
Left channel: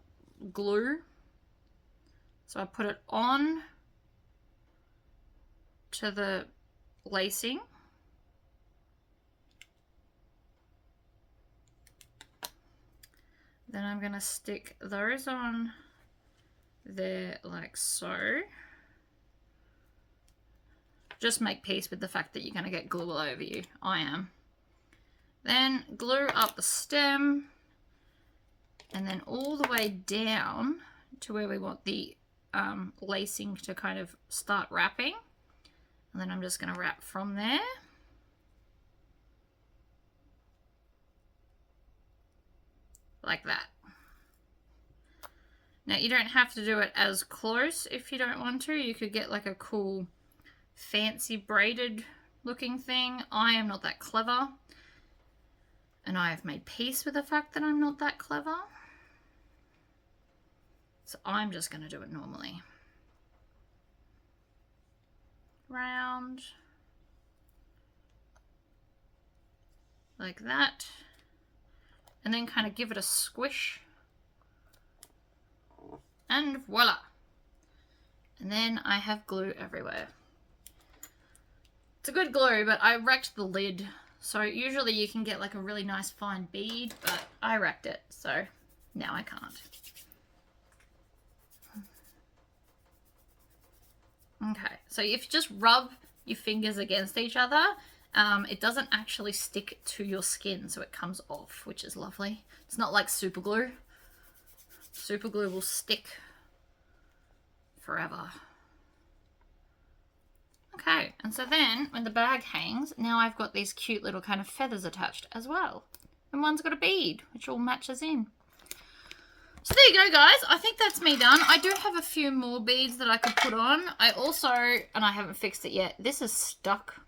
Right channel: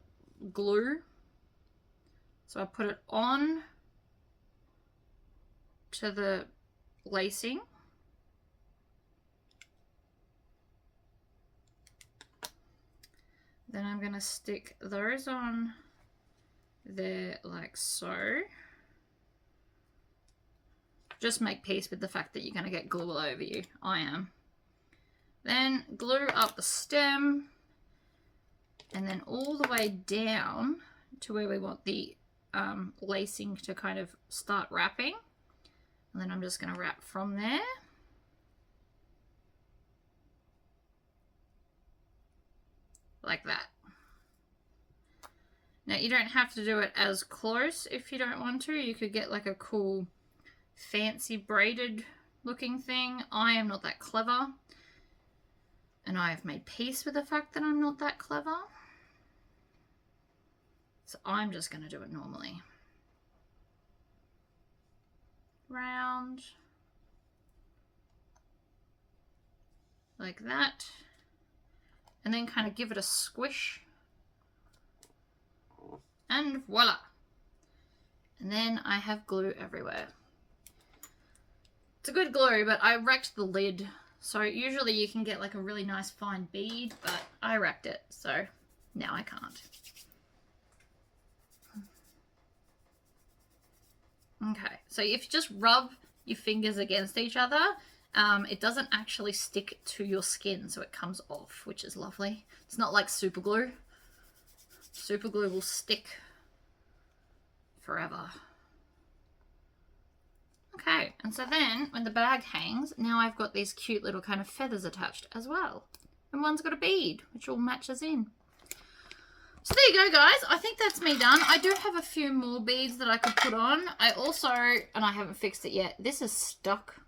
glue, so I put it on to the lacing. Then I'm going to stick those on there like so. Just make peace with the fact that you're going to get glue all over you. I am. Then glue up the stem, and then all the way down to where we want the lacing to kind of start wrapping. And then I'm just going to wrap from there. Like that. Now you don't have to do it as close if you don't want to. You could get like a cool fancy braided looking thing. I am not that clever. And I have made peace with the fact that I'm not that clever. So I'm just going to do it normally. Round. Like that. And then kind of give it a squish. And voila. And then I have glue everywhere. It's a good glue, but I wrecked the lid. So usually you can get like a really nice fine bead, but I wrecked it. So now I can't. Okay, so if you just rub your fingers against each other, it doesn't actually stick to your skin, so it comes off, which is lovely. It's not like super glue. Super glue will stick forever. Okay, go. And so then when the bag hangs, now I've got these cute little kind of feathers attached as well. And one's got a bead, which all matches in. So there you go, guys. I think that's me done. I do have a few more beads that I could put on. I also, and I haven't fixed it yet, this is stuck.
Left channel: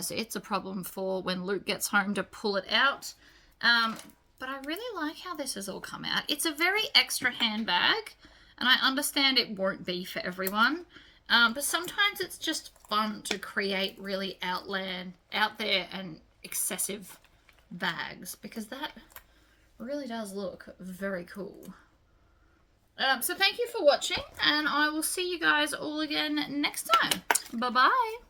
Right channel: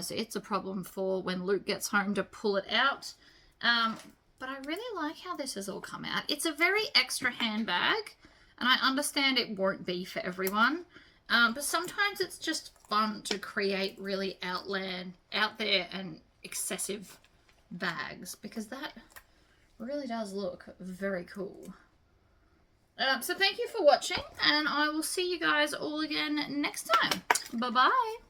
So it's a problem for when Luke gets home to pull it out. But I really like how this has all come out. It's a very extra handbag, and I understand it won't be for everyone. But sometimes it's just fun to create really out there and excessive bags, because that really does look very cool. So thank you for watching, and I will see you guys all again next time. Bye-bye.